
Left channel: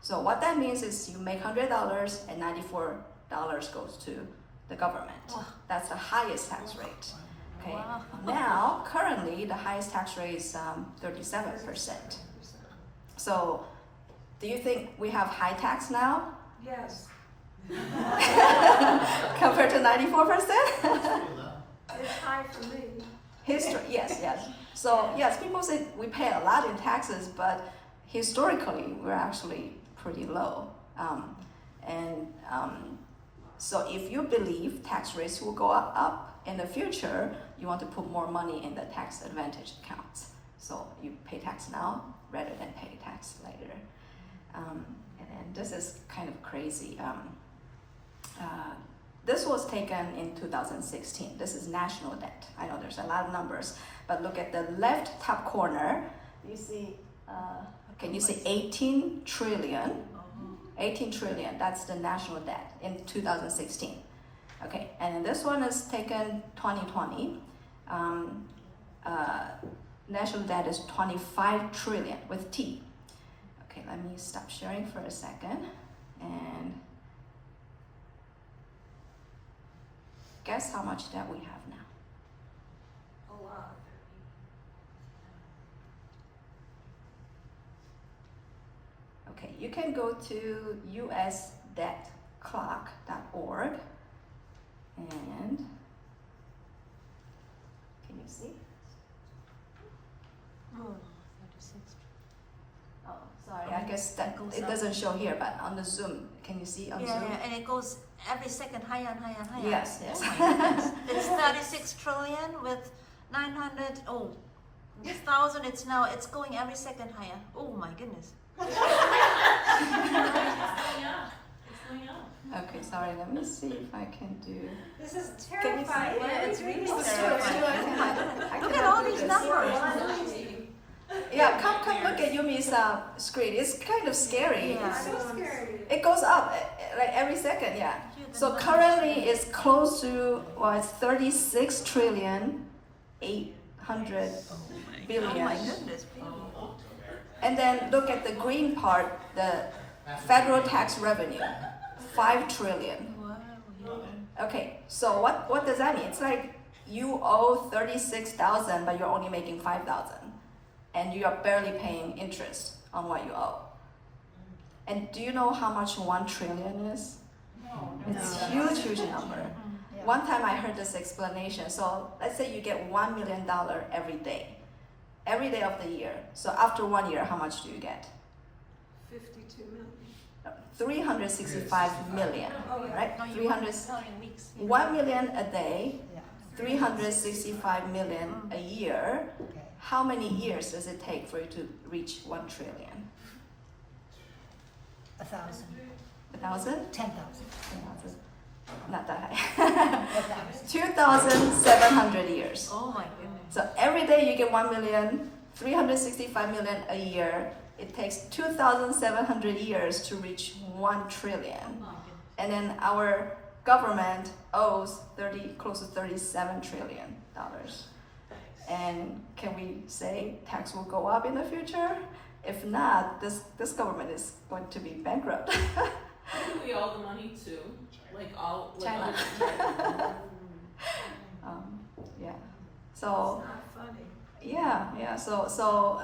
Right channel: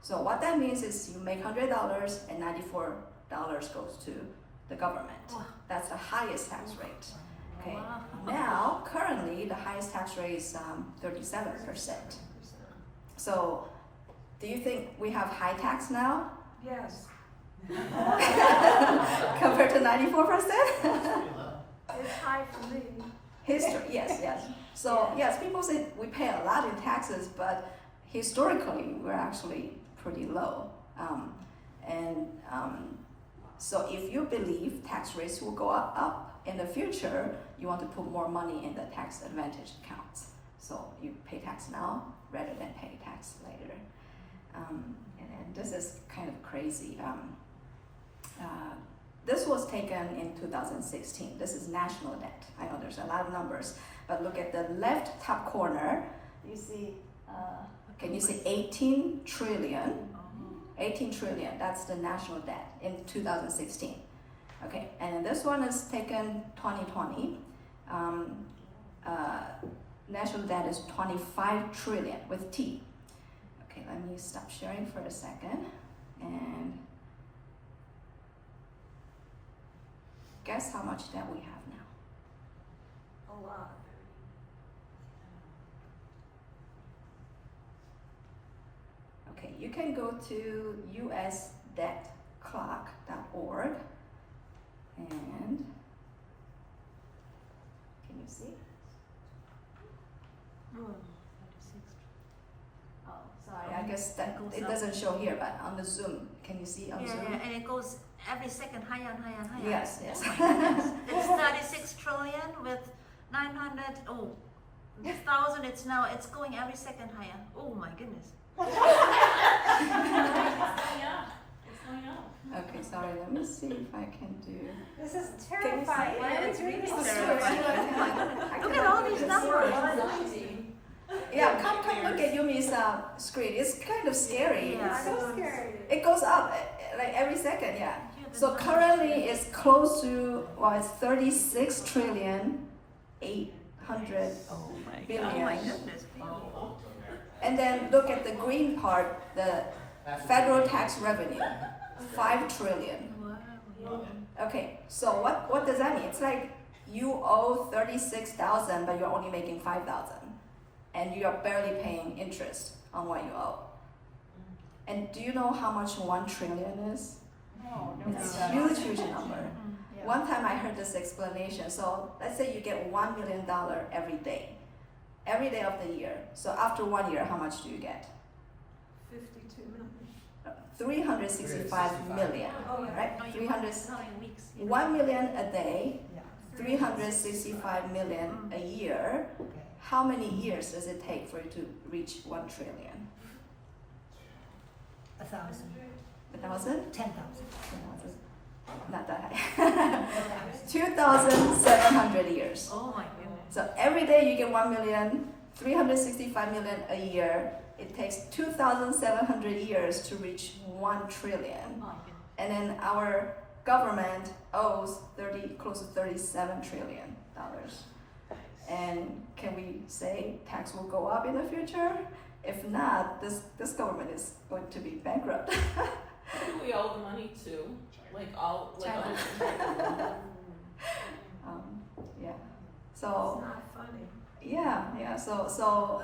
So what that means is you make $100 and $94 goes to the government. That's the highest tax rate. Okay. Wow. Now, currently, the highest tax rate is 37%. So, do you think we have high tax now Yes, compared to 94%? That's pretty low. it's high for me. History, yes, yes. So, yes, people say we pay a lot in taxes, but historically, we're actually pretty low. So, if you believe tax rates will go up in the future, you want to put more money in the tax advantage accounts. So, you pay tax now rather than pay tax later. And this is kind of crazy. This was taken in 2016. This is national debt. I know there's a lot of numbers, but look at the left top corner. You see, can you see 18 trillion? 18 trillion, that's the national debt in 2016. Okay, and this one is taken 2020. National debt is 25 trillion with T. Okay, let me stop sharing for a second and guess how much debt we have now. A lot. Okay, you can go to usdebtclock.org and can you see? Oh, sorry, I guess that it doesn't show here, but on the Zoom, can you see on Zoom? Yeah, and it goes every second higher and higher and higher. Yes, yes. Oh my goodness. It's 36 trillion with 900, oh, 1,000, it's going every second higher. Oh my goodness. It's going up. Okay, sorry, let me see if I can do. This is Can you see terrifying. it? Yeah, it's really It's terrifying. true, I Look at cannot all do these this. numbers. Yeah, come look at Yumi's screen. It's kind of scary. Yeah. I don't want to see it. It goes up like every second, yeah. So currently it's close to, well, it's 36 trillion 800 billion. Oh my goodness. And then look at the green part, the federal tax revenue, 5 trillion. Wow. Okay, so what does that mean? It's like you owe 36,000, but you're only making 5,000, and you are barely paying interest on what you owe. And do you know how much 1 trillion is? It's a huge, huge number. One time I heard this explanation. So let's say you get $1 million every day of the year. So after 1 year, how much do you get? 52 million. 365 million, Oh, yeah. right? No, you 300, no, in weeks. 1 million a day, Yeah, 365 million a year. okay. How many years does it take for you to reach 1 trillion? 1,000, 1,000? 10,000. 10,000? Not that high. 2,700 years. Oh my goodness. So every day you get 1 million, 365 million a year. It takes 2,700 years to reach 1 trillion. Oh, And then our government owes close to $37 trillion. And can we say tax will go up in the future? If not, this government is going to be bankrupt. Who do we owe the money to? Like all China. Yeah. It's So not funny. yeah. So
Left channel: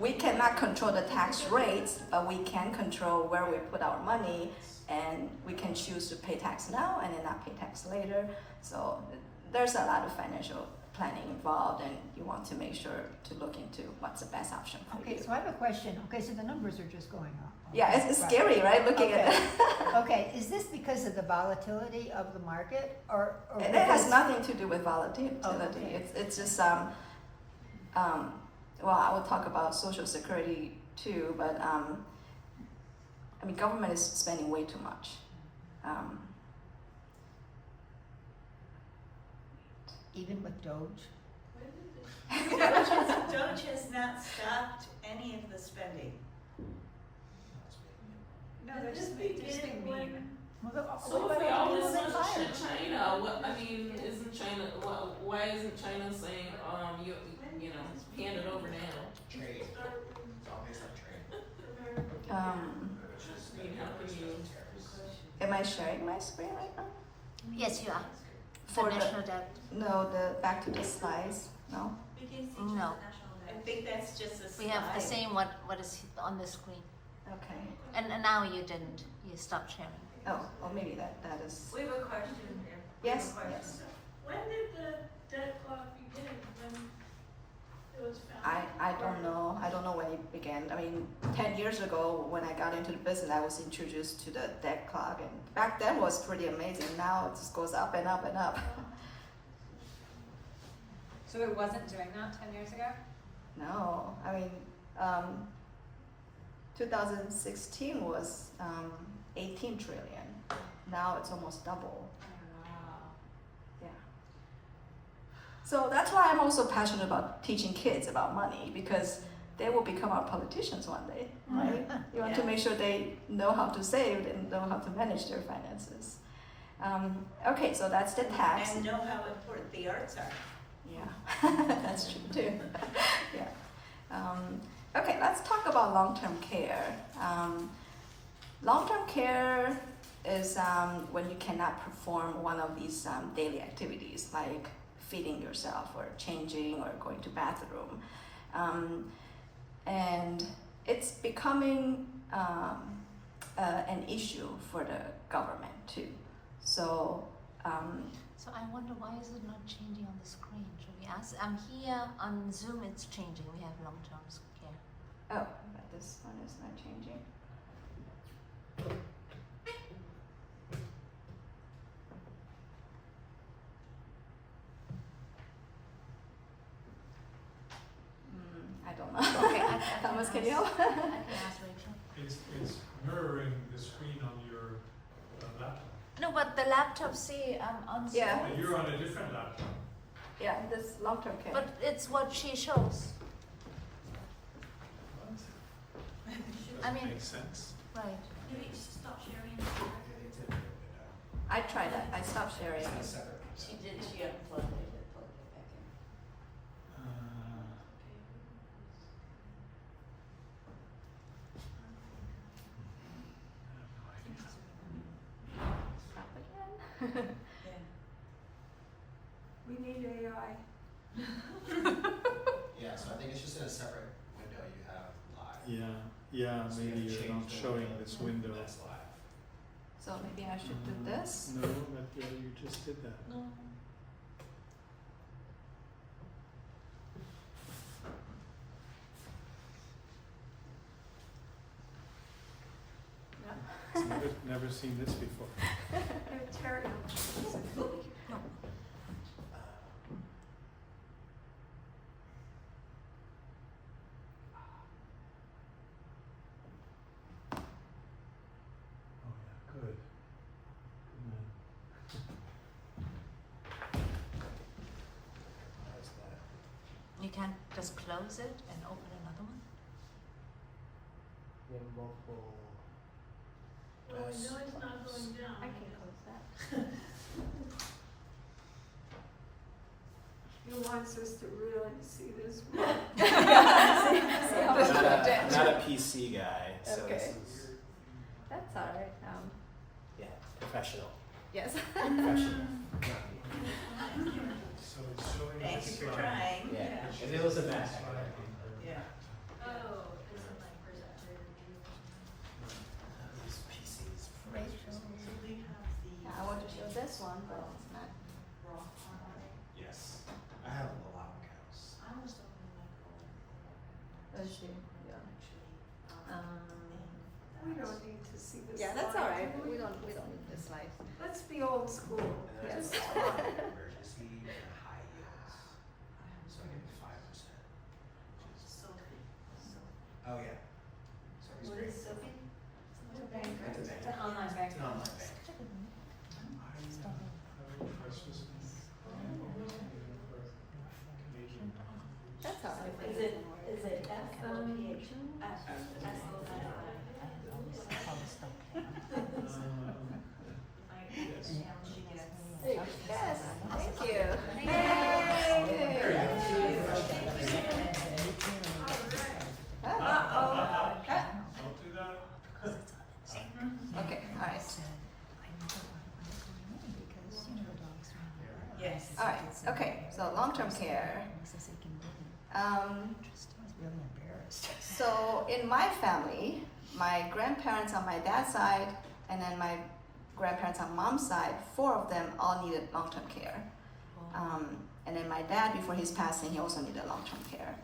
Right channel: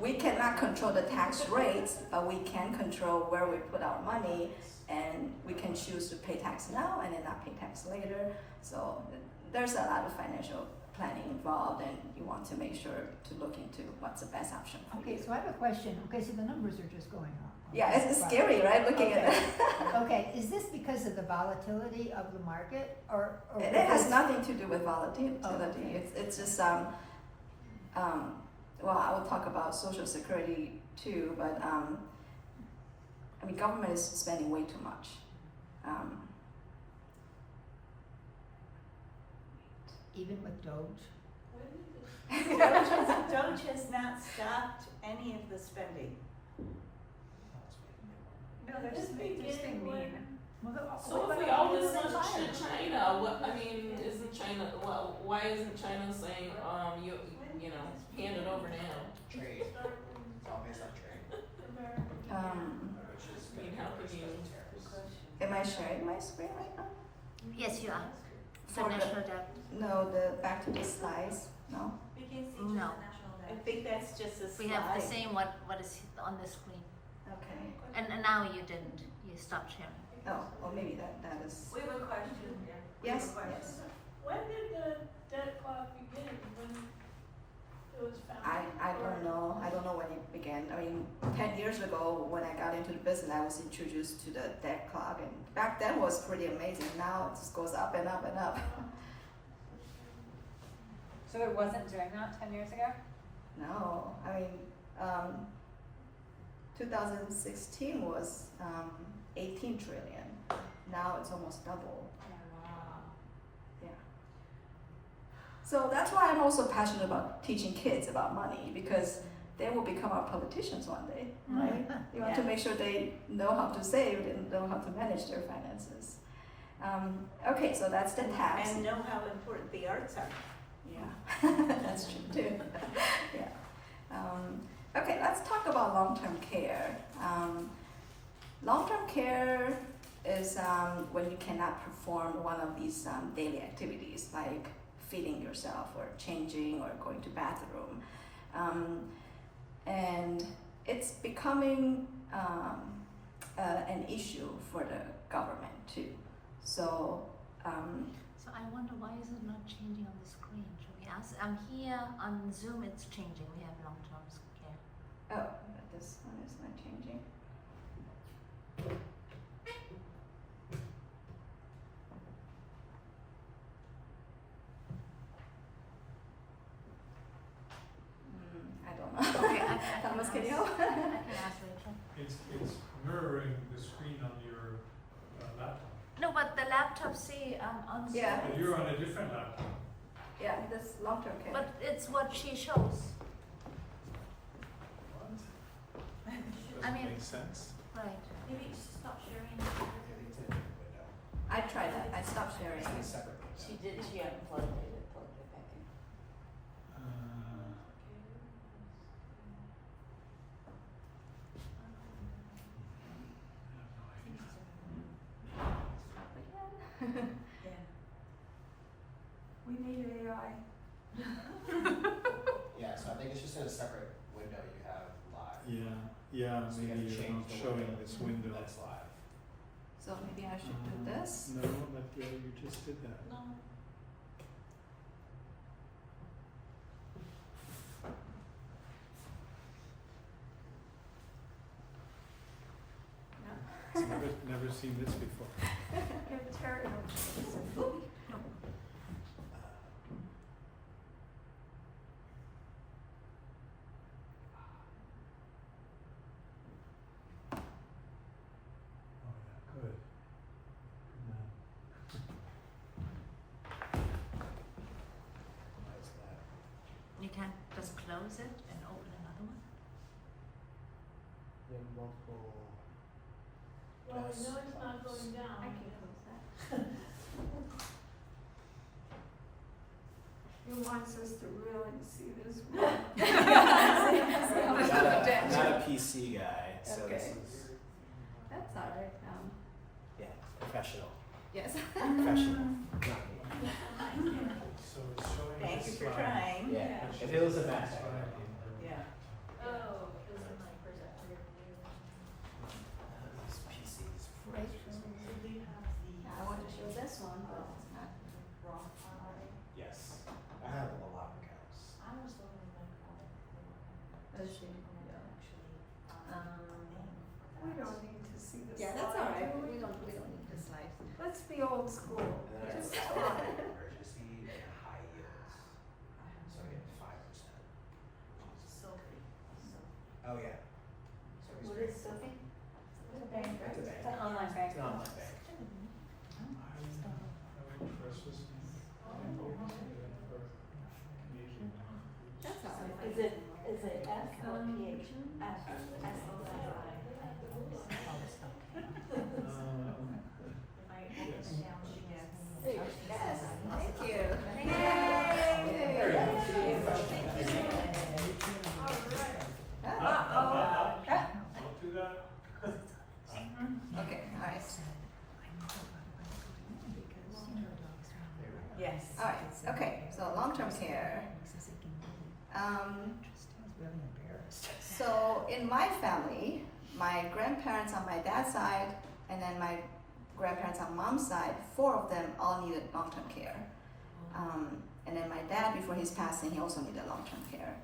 we cannot control the tax rates, but we can control where we put our money, and we can choose to pay tax now and then not pay tax later. So there's a lot of financial planning involved, and you want to make sure to look into what's the best option for Okay, you. so I have a question. Okay, so the numbers are just going up. Yeah, it's scary, right? Looking at it. Okay, is this because of the volatility of the market, or It has because- nothing to do with volatility. Okay. It's just well, I will talk about Social Security too, but I mean, government is spending way too much. even with Doge? Doge has not stopped any of the spending. No, there's just being mean. So if we owe this much to China, what, I mean, isn't China, why isn't China saying, you know, hand it over now? Trade. It's all based on trade. I mean, how can you? Am I sharing my screen right now? Yes, you are. For the the- national debt. No, back to the slides. No. No. I think that's just a slide. We have the same what is on the screen. Okay. And now you didn't. You stopped sharing. Oh, well, maybe that is. We have a question here. Yes. Yes. When did the debt clock begin? When it was founded? I don't know. I don't know when it began. I mean, 10 years ago when I got into the business, I was introduced to the debt clock, and back then was pretty amazing. Now it just goes up and up and up. So it wasn't doing that 10 years ago? No, I mean, 2016 was 18 trillion. Now it's almost double. Wow. Yeah. So that's why I'm also passionate about teaching kids about money, because they will become our politicians one day, right? You want to make sure they know how to save and know how to manage their finances. Okay, so that's the tax. And know how important the arts are. Yeah, that's true too. Yeah. Okay, let's talk about long-term care. Long-term care is when you cannot perform one of these daily activities like feeding yourself or changing or going to bathroom. And it's becoming an issue for the government too. So So I wonder why is it not changing on the screen? Should we ask? I'm here on Zoom. It's changing. We have long-term care. oh, but this one is not changing. I don't know. Okay, I Thomas, can ask. you help? I can ask Rachel. It's mirroring the screen on your laptop. No, but the laptop see on Zoom. Yeah. But you're on a different laptop. Yeah, this long-term care. But it's what she shows. What? I mean- Makes sense. Right. Maybe just stop sharing. I tried that. I stopped sharing. It's a separate piece. She did, she unplugged it and plugged it back in. Stop again. We need AI. Yeah, so I think it's just in a separate window you have live. Yeah, So maybe you you're change not the showing window this window. That's live. So maybe I should do this. No, but you just did that. No. Never seen this before. Ontario. Oh yeah, good. Good man. How's that? You can just close it and open another one. You have multiple. Well, I know it's not going down. I can close that. He wants us to really see this. I'm not a PC guy, so Okay. this is That's all right. professional. Yes. Professional. So it's showing Thank us, you for trying. Yeah. If it was a mess. Yeah. Oh, is it my projector? These PCs. I want to show this one, but it's not. Yes. I have a lot of accounts. Let's see. We don't need to see this. Yeah, that's all slide, right. do We don't need the slides. Let's be old school. Just talk. Emergency and high yields. So maybe 5%. Oh yeah. So What is Sophie? It's an Online bank. It's an online bank. That's all right. Is it S or PH? Yes, thank you. Uh-oh. Don't do that. Okay, all right. Yes. All right, okay, so long-term care. So in my family, my grandparents on my dad's side, and then my grandparents on mom's side, 4 of them all needed long-term care. And then my dad, before his passing, he also needed long-term care.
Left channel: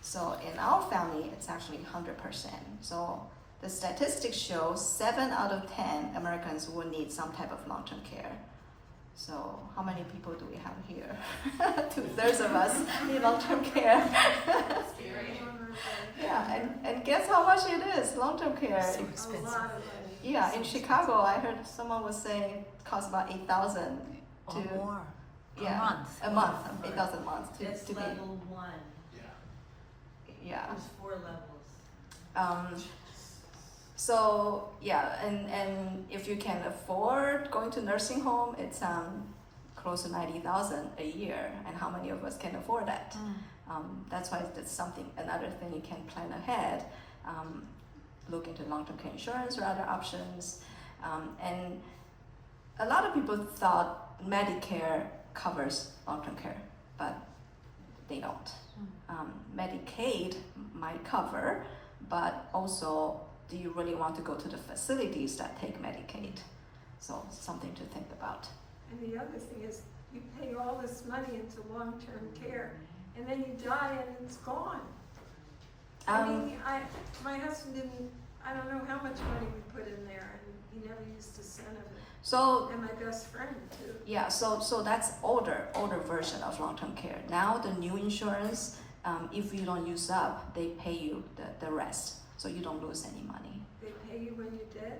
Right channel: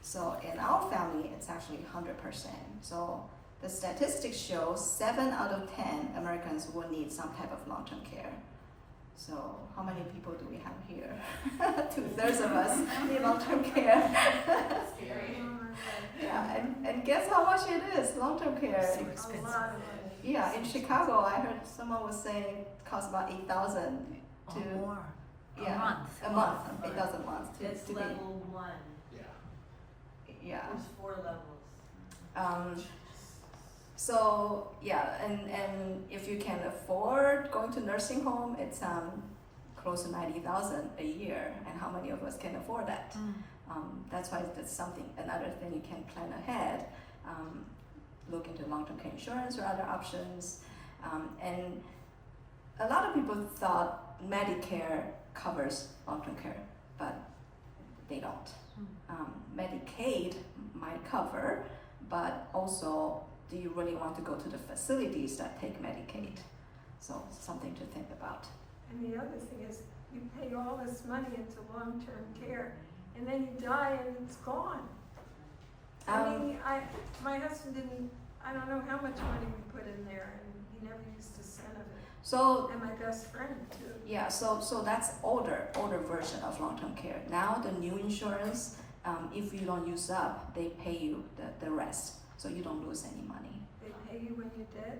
So in our family, it's actually 100%. So the statistics show 7 out of 10 Americans will need some type of long-term care. So how many people do we have here? 2/3 of us need long-term care. Yeah, and guess how much it is, long-term care? A lot of money. Yeah, in Chicago, I heard someone was saying it costs about 8,000 to Or more. yeah, A month. a month, 8,000 a month That's to level 1. yeah. There's 4 levels. So yeah, and if you can afford going to nursing home, it's close to 90,000 a year, and how many of us can afford that? That's why that's another thing you can plan ahead. Look into long-term care insurance or other options, and a lot of people thought Medicare covers long-term care, but they don't. Medicaid might cover, but also, do you really want to go to the facilities that take Medicaid? So something to think about. And the other thing is, you pay all this money into long-term care, and then you die and it's gone. I mean, my husband I don't know how much money we put in there, and he never used a cent of it. So And my best friend too. yeah, so that's older version of long-term care. Now the new insurance, if you don't use up, they pay you the rest, so you don't lose any money. They pay you when you're dead?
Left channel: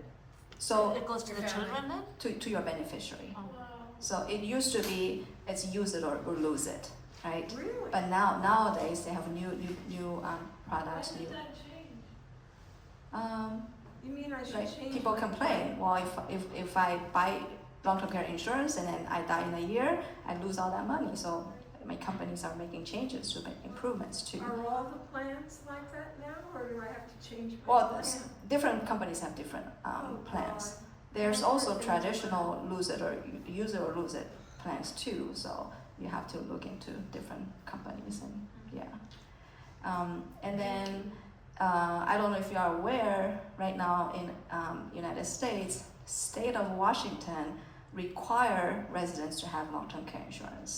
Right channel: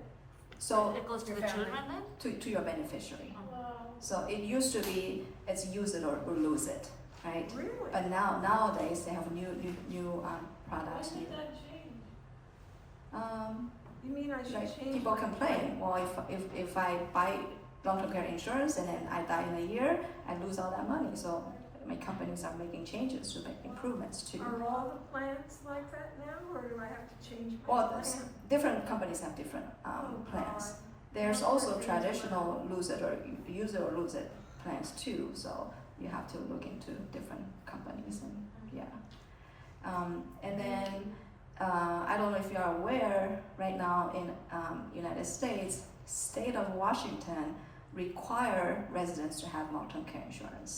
So It goes to the children then? to your beneficiary. Wow. So it used to be it's use it or lose it, right? Really? But nowadays they have new products. Why New, did that change? You mean I should like change people my complain. Well, if I buy long-term care insurance and then I die in a year, I lose all that money. So my companies are making changes to make improvements too. Are all the plans like that now, or do I have to change my Well, plan? different companies have different Oh, plans. God. There's also traditional lose it or use it or lose it plans too. So you have to look into different companies and and then I don't know if you are aware right now in United States, state of Washington require residents to have long-term care insurance,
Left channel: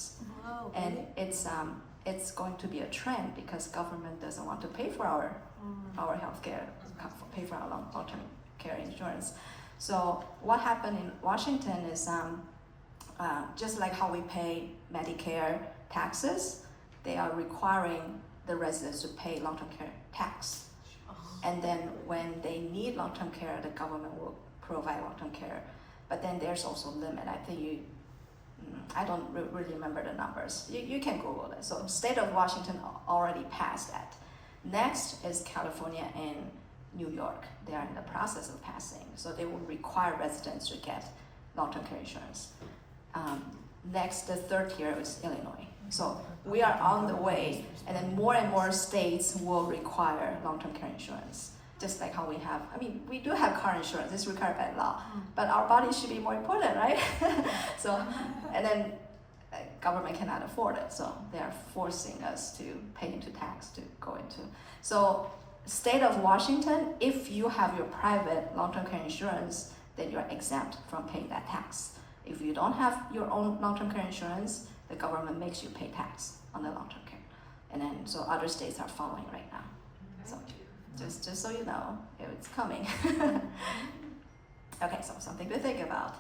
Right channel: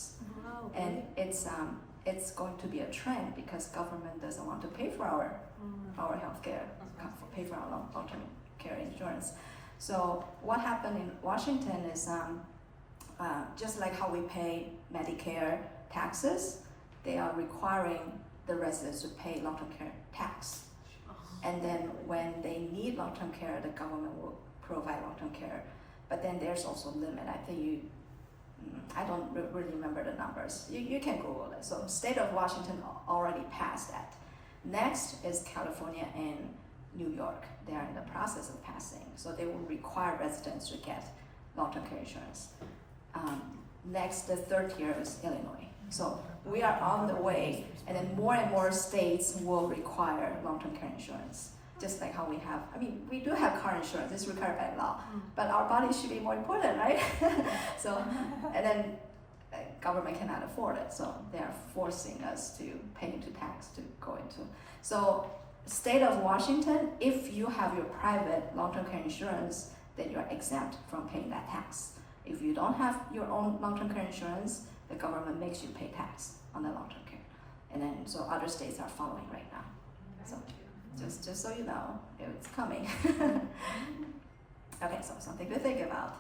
Wow. and it's going to be a trend because government doesn't want to pay for our health care, pay for our long-term care insurance. So what happened in Washington is just like how we pay Medicare taxes, they are requiring the residents to pay long-term care tax. And then when they need long-term care, the government will provide long-term care. But then there's also a limit. I think I don't really remember the numbers. You can Google it. So state of Washington already passed that. Next is California and New York. They are in the process of passing. So they will require residents to get long-term care insurance. Next, the third tier is Illinois. So we are on the way, and then more and more states will require long-term care insurance. Just like how we have, we do have car insurance, it's required by law, but our body should be more important, right? So, and then government cannot afford it, so they are forcing us to pay into tax to go into. So, state of Washington, if you have your private long-term care insurance, then you're exempt from paying that tax. If you don't have your own long-term care insurance, the government makes you pay tax on the long-term care. And then, so other states are following right now. So, just so you know, it's coming. Okay, so something to think about.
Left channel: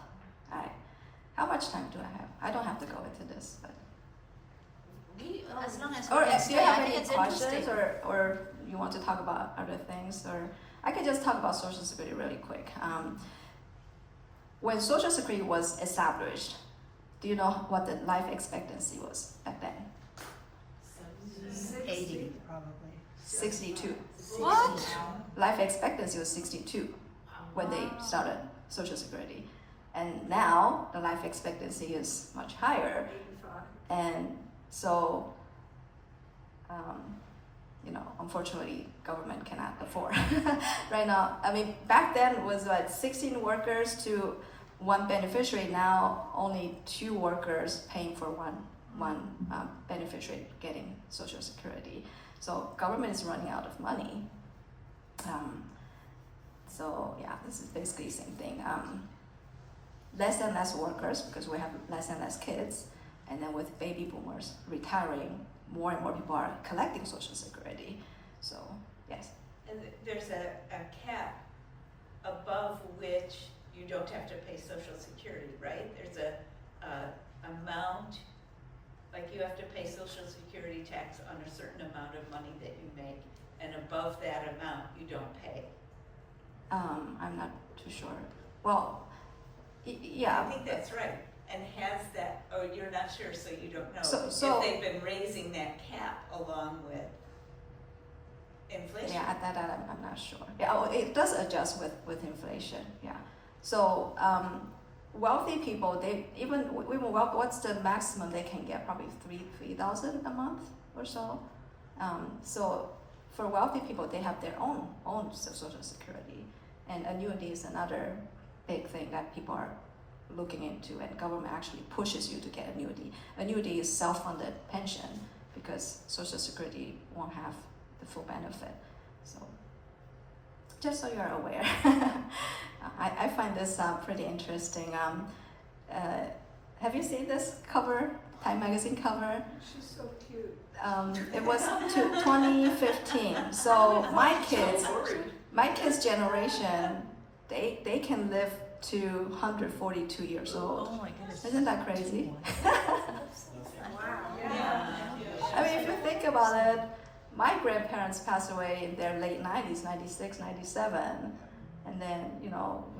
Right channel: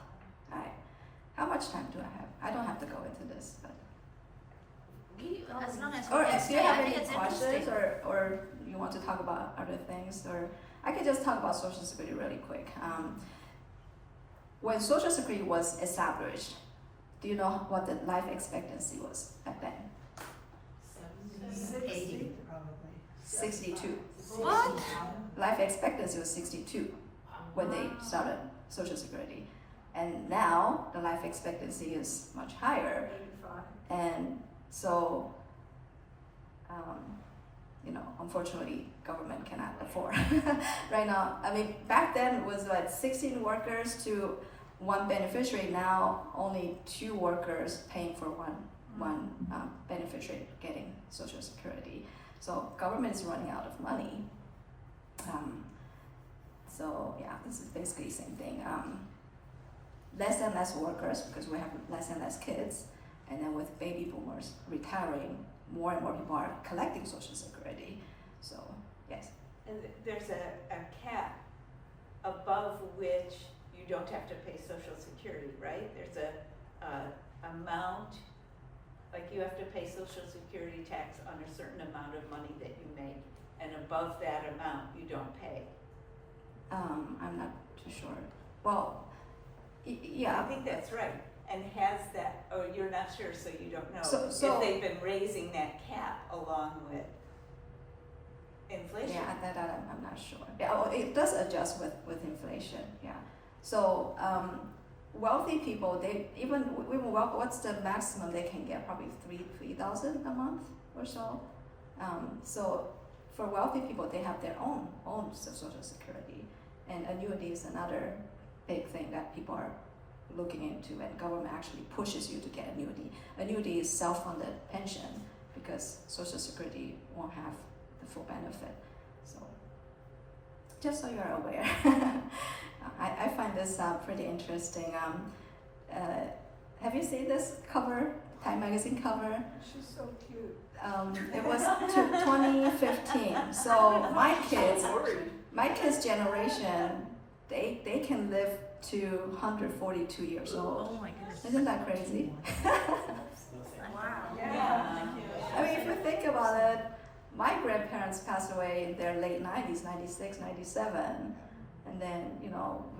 All right, how much time do I have? I don't have to go into this, but. As long as Or we can do stay, you have I think any it's questions, interesting. or you want to talk about other things, or I could just talk about Social Security really quick. When Social Security was established, do you know what the life expectancy was back then? 80, probably. 62. What? Life expectancy was 62 when they started Social Security. And now the life expectancy is much higher. 85. And so, unfortunately, government cannot afford. Right now, back then it was like 16 workers to one beneficiary. Now only 2 workers paying for one beneficiary getting Social Security. So government is running out of money. So yeah, this is basically the same thing. Less and less workers because we have less and less kids, and then with baby boomers retiring, more and more people are collecting Social Security. So yes. And there's a cap above which you don't have to pay Social Security, right? There's a amount, like you have to pay Social Security tax on a certain amount of money that you make, and above that amount you don't pay. I'm not too sure. Well, yeah. I think that's right. And has that, or you're not sure, so you don't know. So if they've been raising that cap along with inflation. Yeah, at that I'm not sure. Yeah, it does adjust with inflation. Yeah. So wealthy people, what's the maximum they can get? Probably $3,000 a month or so. So for wealthy people, they have their own Social Security, and annuity is another big thing that people are looking into, and government actually pushes you to get annuity. Annuity is self-funded pension because Social Security won't have the full benefit. So just so you are aware. I find this pretty interesting. Have you seen this cover, Time magazine cover? She's so cute. It was 2015. So my kids' generation, they can live to 142 years old. Oh my goodness. Isn't that crazy? Wow. If you think about it, my grandparents passed away in their late 90s, 96, 97. And then,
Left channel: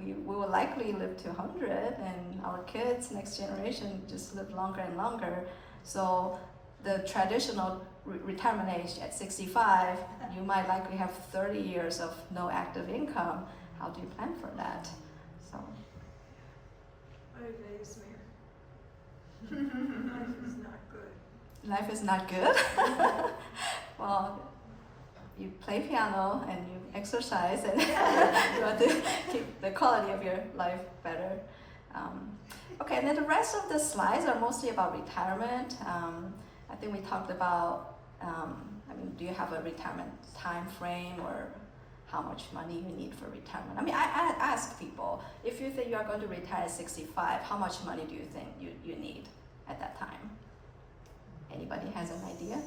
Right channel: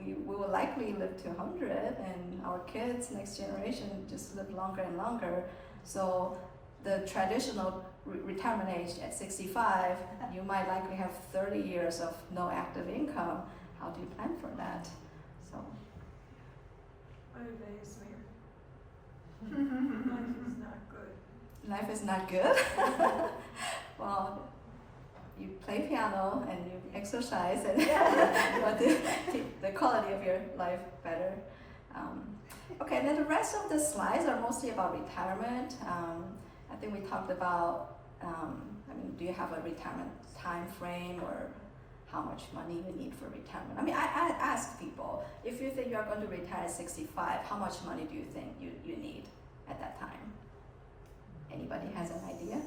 we will likely live to 100, and our kids, next generation, just live longer and longer. So the traditional retirement age at 65, you might likely have 30 years of no active income. How do you plan for that? So. I amaze me. Life is not good. Life is not good? Well, you play piano and you exercise and you want to keep the quality of your life better. Okay, and then the rest of the slides are mostly about retirement. I think we talked about, do you have a retirement time frame or how much money you need for retirement? I ask people, if you think you are going to retire at 65, how much money do you think you need at that time? Anybody has an idea?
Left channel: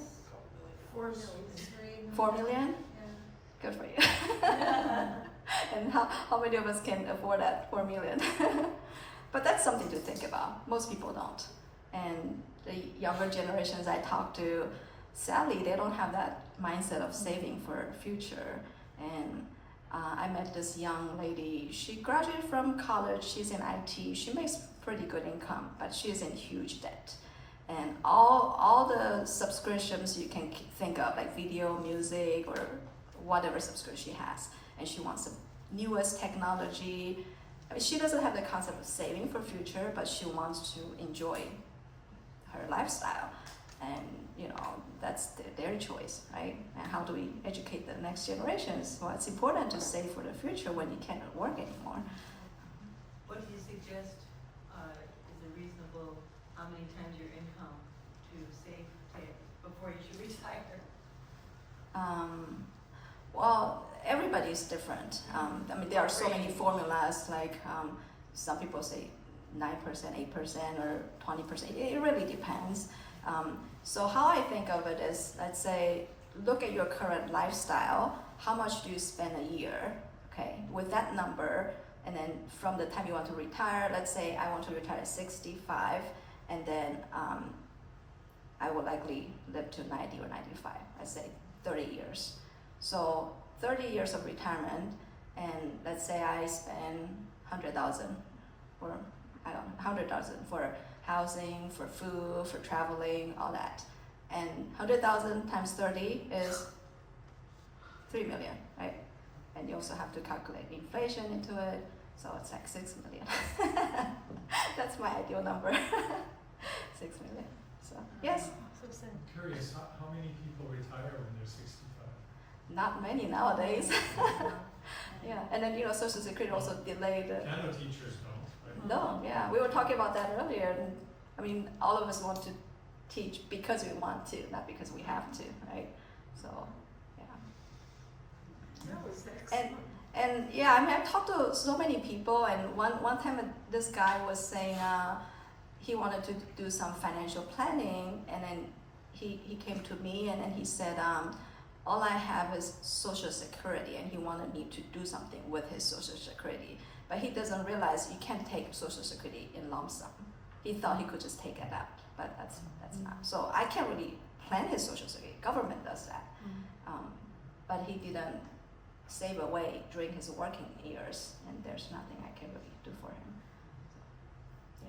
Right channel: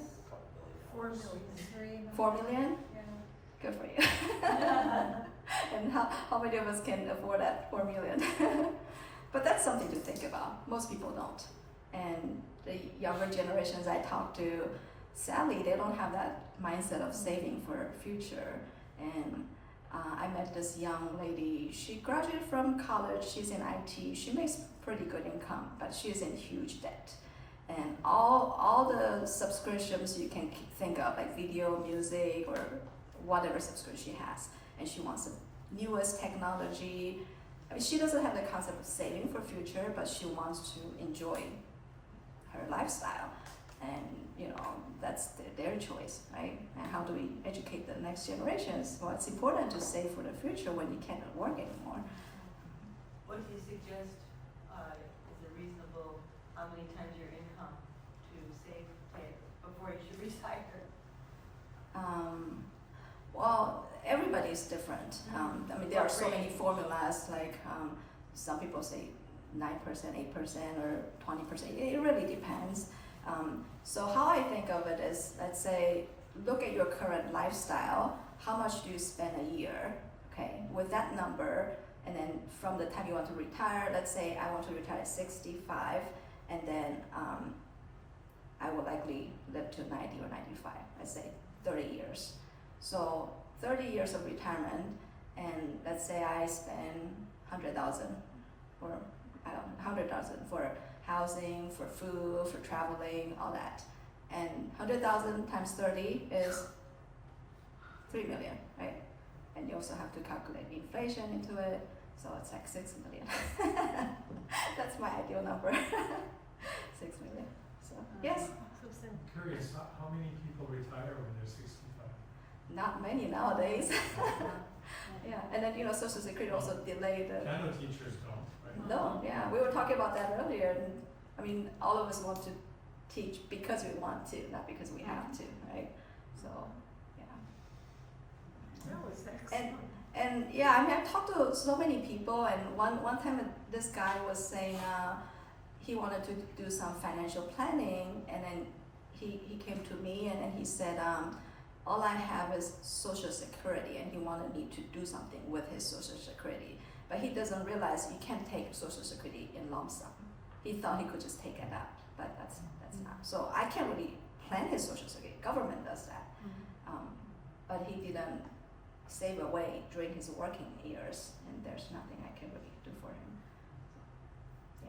4 million. 4 million? Good for you. And how many of us can afford that 4 million? But that's something to think about. Most people don't. And the younger generations I talk to, sadly, they don't have that mindset of saving for future. And I met this young lady. She graduated from college. She's in IT. She makes pretty good income, but she's in huge debt. And all the subscriptions you can think of, like video, music, or whatever subscription she has, and she wants the newest technology. I mean, she doesn't have the concept of saving for future, but she wants to enjoy her lifestyle. And that's their choice, right? And how do we educate the next generations? Well, it's important to save for the future when you can't work anymore. What do you suggest is a reasonable, how many times your income to save before you should retire? Well, everybody's different. I mean, there are so many formulas, like some people say 9%, 8%, or 20%. It really depends. So how I think of it is, let's say, look at your current lifestyle. How much do you spend a year? Okay, with that number, and then from the time you want to retire, let's say I want to retire at 65, and then I will likely live to 90 or 95. Let's say 30 years. So 30 years of retirement, and let's say I spend 100,000, or I don't know, 100,000 for housing, for food, for traveling, all that. And 100,000 times 30 is 3 million, right? And you also have to calculate inflation into it, so it's like 6 million. That's my ideal number. 6 million. So yes. I'm curious, how many people retire when they're 65? Not many nowadays. Yeah, and then Social Security also delayed. Piano teachers don't, right? No, yeah, we were talking about that earlier. And, I mean, all of us want to teach because we want to, not because we have to, right? So, yeah. That was excellent. And yeah, I mean, I've talked to so many people, and one time this guy was saying he wanted to do some financial planning, and then he came to me and he said, all I have is Social Security, and he wanted me to do something with his Social Security. But he doesn't realize you can't take Social Security in lump sum. He thought he could just take it out, but that's not. So I can't really plan his Social Security. Government does that. But he didn't save away during his working years, and there's nothing I can really do for him. So,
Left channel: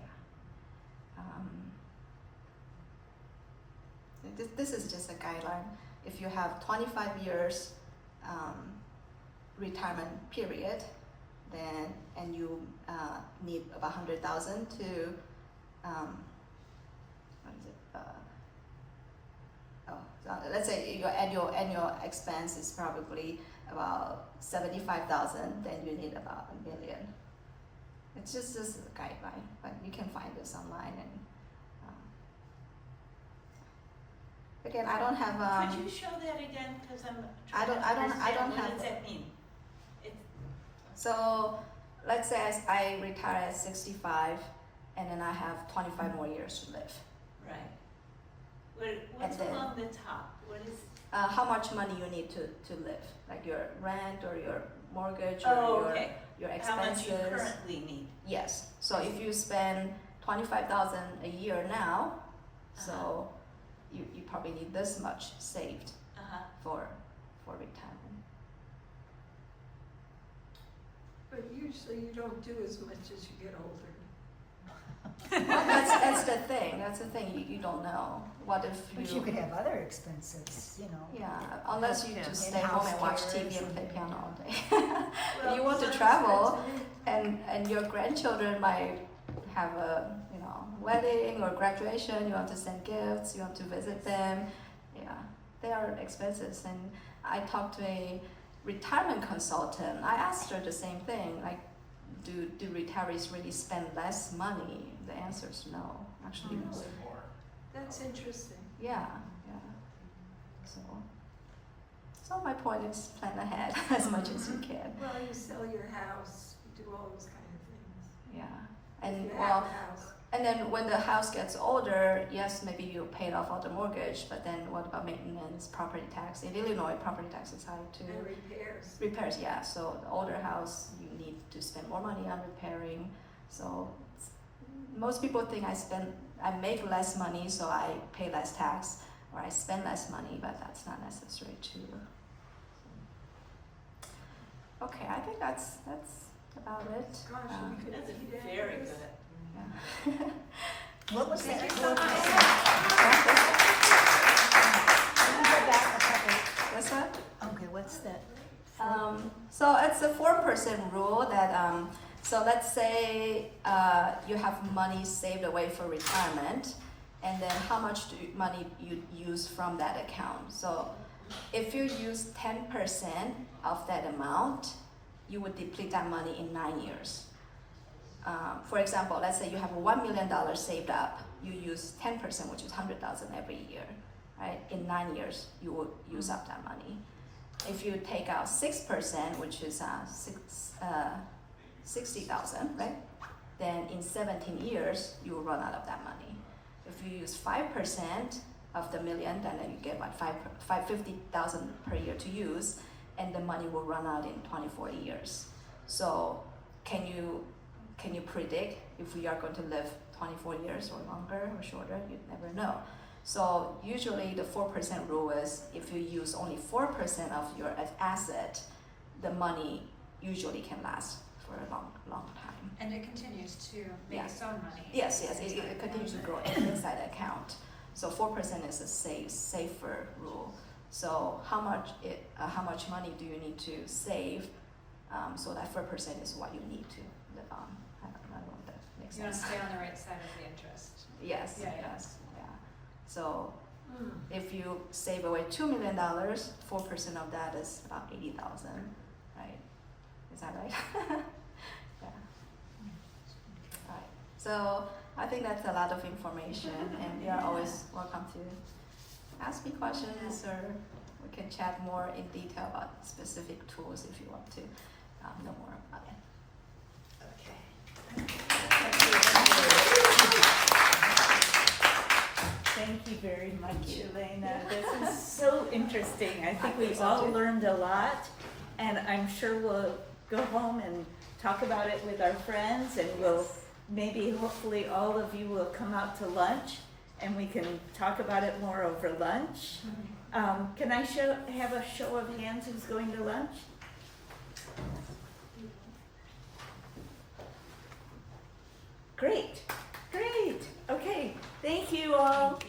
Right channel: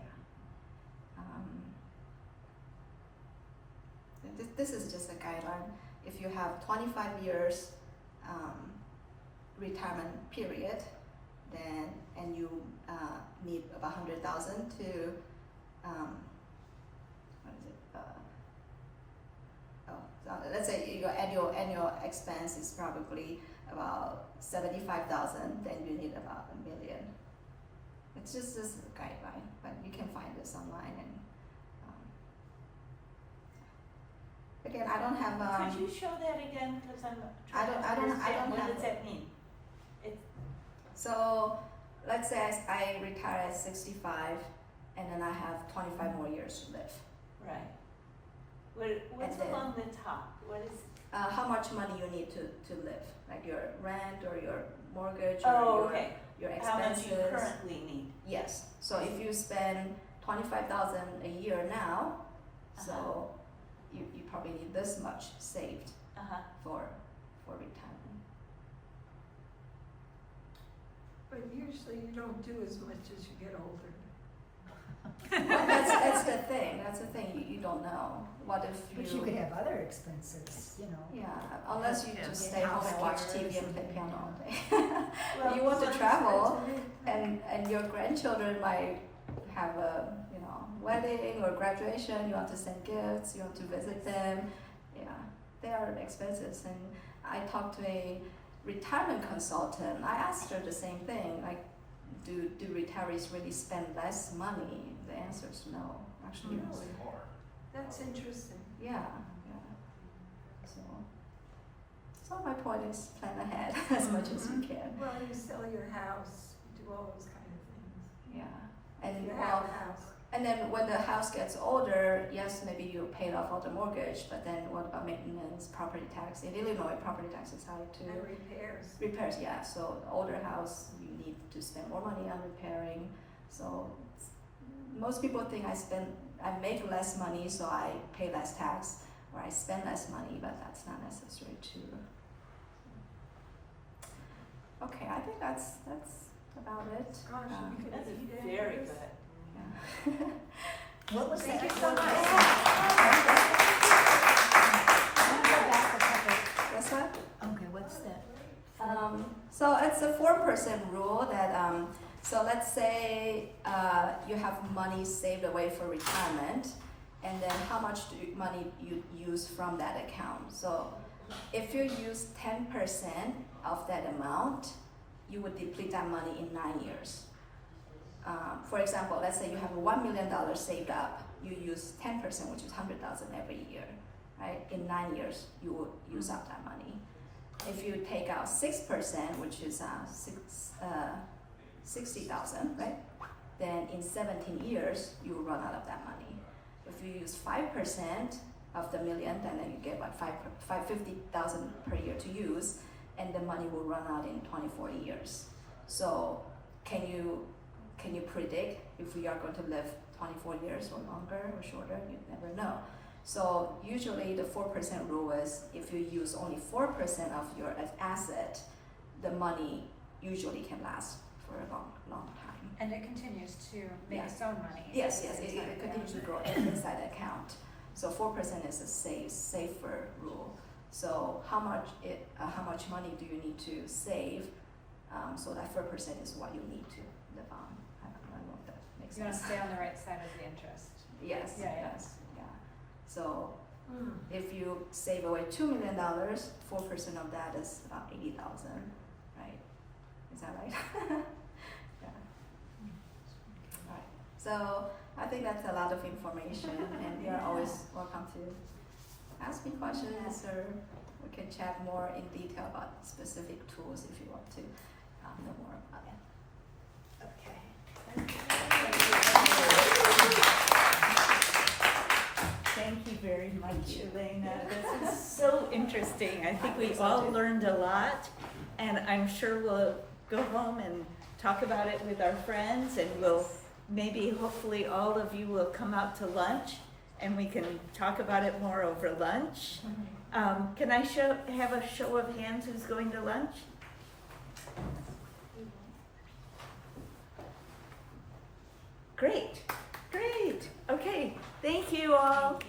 yeah. This is just a guideline. If you have 25 years retirement period, then and you need about 100,000 to let's say your annual expense is probably about 75,000, then you need about $1 million. It's just this is a guideline, but you can find this online. And again, I don't have. Could you show that again? Because I don't have. What does that mean? So let's say I retire at 65, and then I have 25 more years to live. Right. What's And then, along the top? What is? How much money you need to live, like your rent or your mortgage or your expenses. How much you currently need? Yes. So if you spend 25,000 a year now, so you probably need this much saved for retirement. But usually you don't do as much as you get older. Well, that's the thing. That's the thing. You don't know. What if But you could have other expenses, Yeah, unless you just stay home and watch TV and play piano all day. Well, You want to Sounds travel, good to me. and your grandchildren might have a wedding or graduation. You want to send gifts. You want to visit them. Yeah, they are expenses. And I talked to a retirement consultant. I asked her the same thing. Like, do retirees really spend less money? The answer is no. Actually, Really? More. That's interesting. yeah. So my point is plan ahead as much as you can. Well, you sell your house, you do all those kind of things. Yeah, and If you well, have a house. And then when the house gets older, yes, maybe you paid off all the mortgage, but then what about maintenance, property tax? In Illinois, property tax is high too. And repairs. Repairs, yeah. So the older house, you need to spend more money on repairing. So most people think I make less money, so I pay less tax, or I spend less money, but that's not necessary too. Okay, I think that's about it. Gosh, we could That's eat very after this. good. Yeah. What was the Thank you actual so much. What's that? Okay, what's that? So it's a 4% rule that, so let's say you have money saved away for retirement, and then how much money you use from that account. So if you use 10% of that amount, you would deplete that money in 9 years. For example, let's say you have $1 million saved up, you use 10%, which is $100,000 every year, right? In 9 years, you will use up that money. If you take out 6%, which is $60,000, right? Then in 17 years, you will run out of that money. If you use 5% of the million, then you get like $50,000 per year to use, and the money will run out in 24 years. So can you predict if we are going to live 24 years or longer or shorter? You never know. So usually the 4% rule is if you use only 4% of your asset, the money usually can last for a long time. And it continues to make Yes. some money. Yes, it continues to grow inside the account. So 4% is a safer rule. So how much money do you need to save? So that 4% is what you need to live on. I don't know if that makes You want to sense. stay on the right side of the interest. Yes, Yeah, yeah. yes, yeah. So if you save away $2 million, 4% of that is about $80,000, right? Is that right? Yeah. Right. So I think that's a lot of information, and you are always welcome to ask me questions, or we can chat more in detail about specific tools if you want to know more about it. Thank you very much, Ellena. This is so interesting. I think we all learned a lot, and I'm sure we'll go home and talk about it with our friends, and we'll maybe, hopefully, all of you will come out to lunch, and we can talk about it more over lunch. Can I have a show of hands who's going to lunch? Great, great. Okay, thank you all.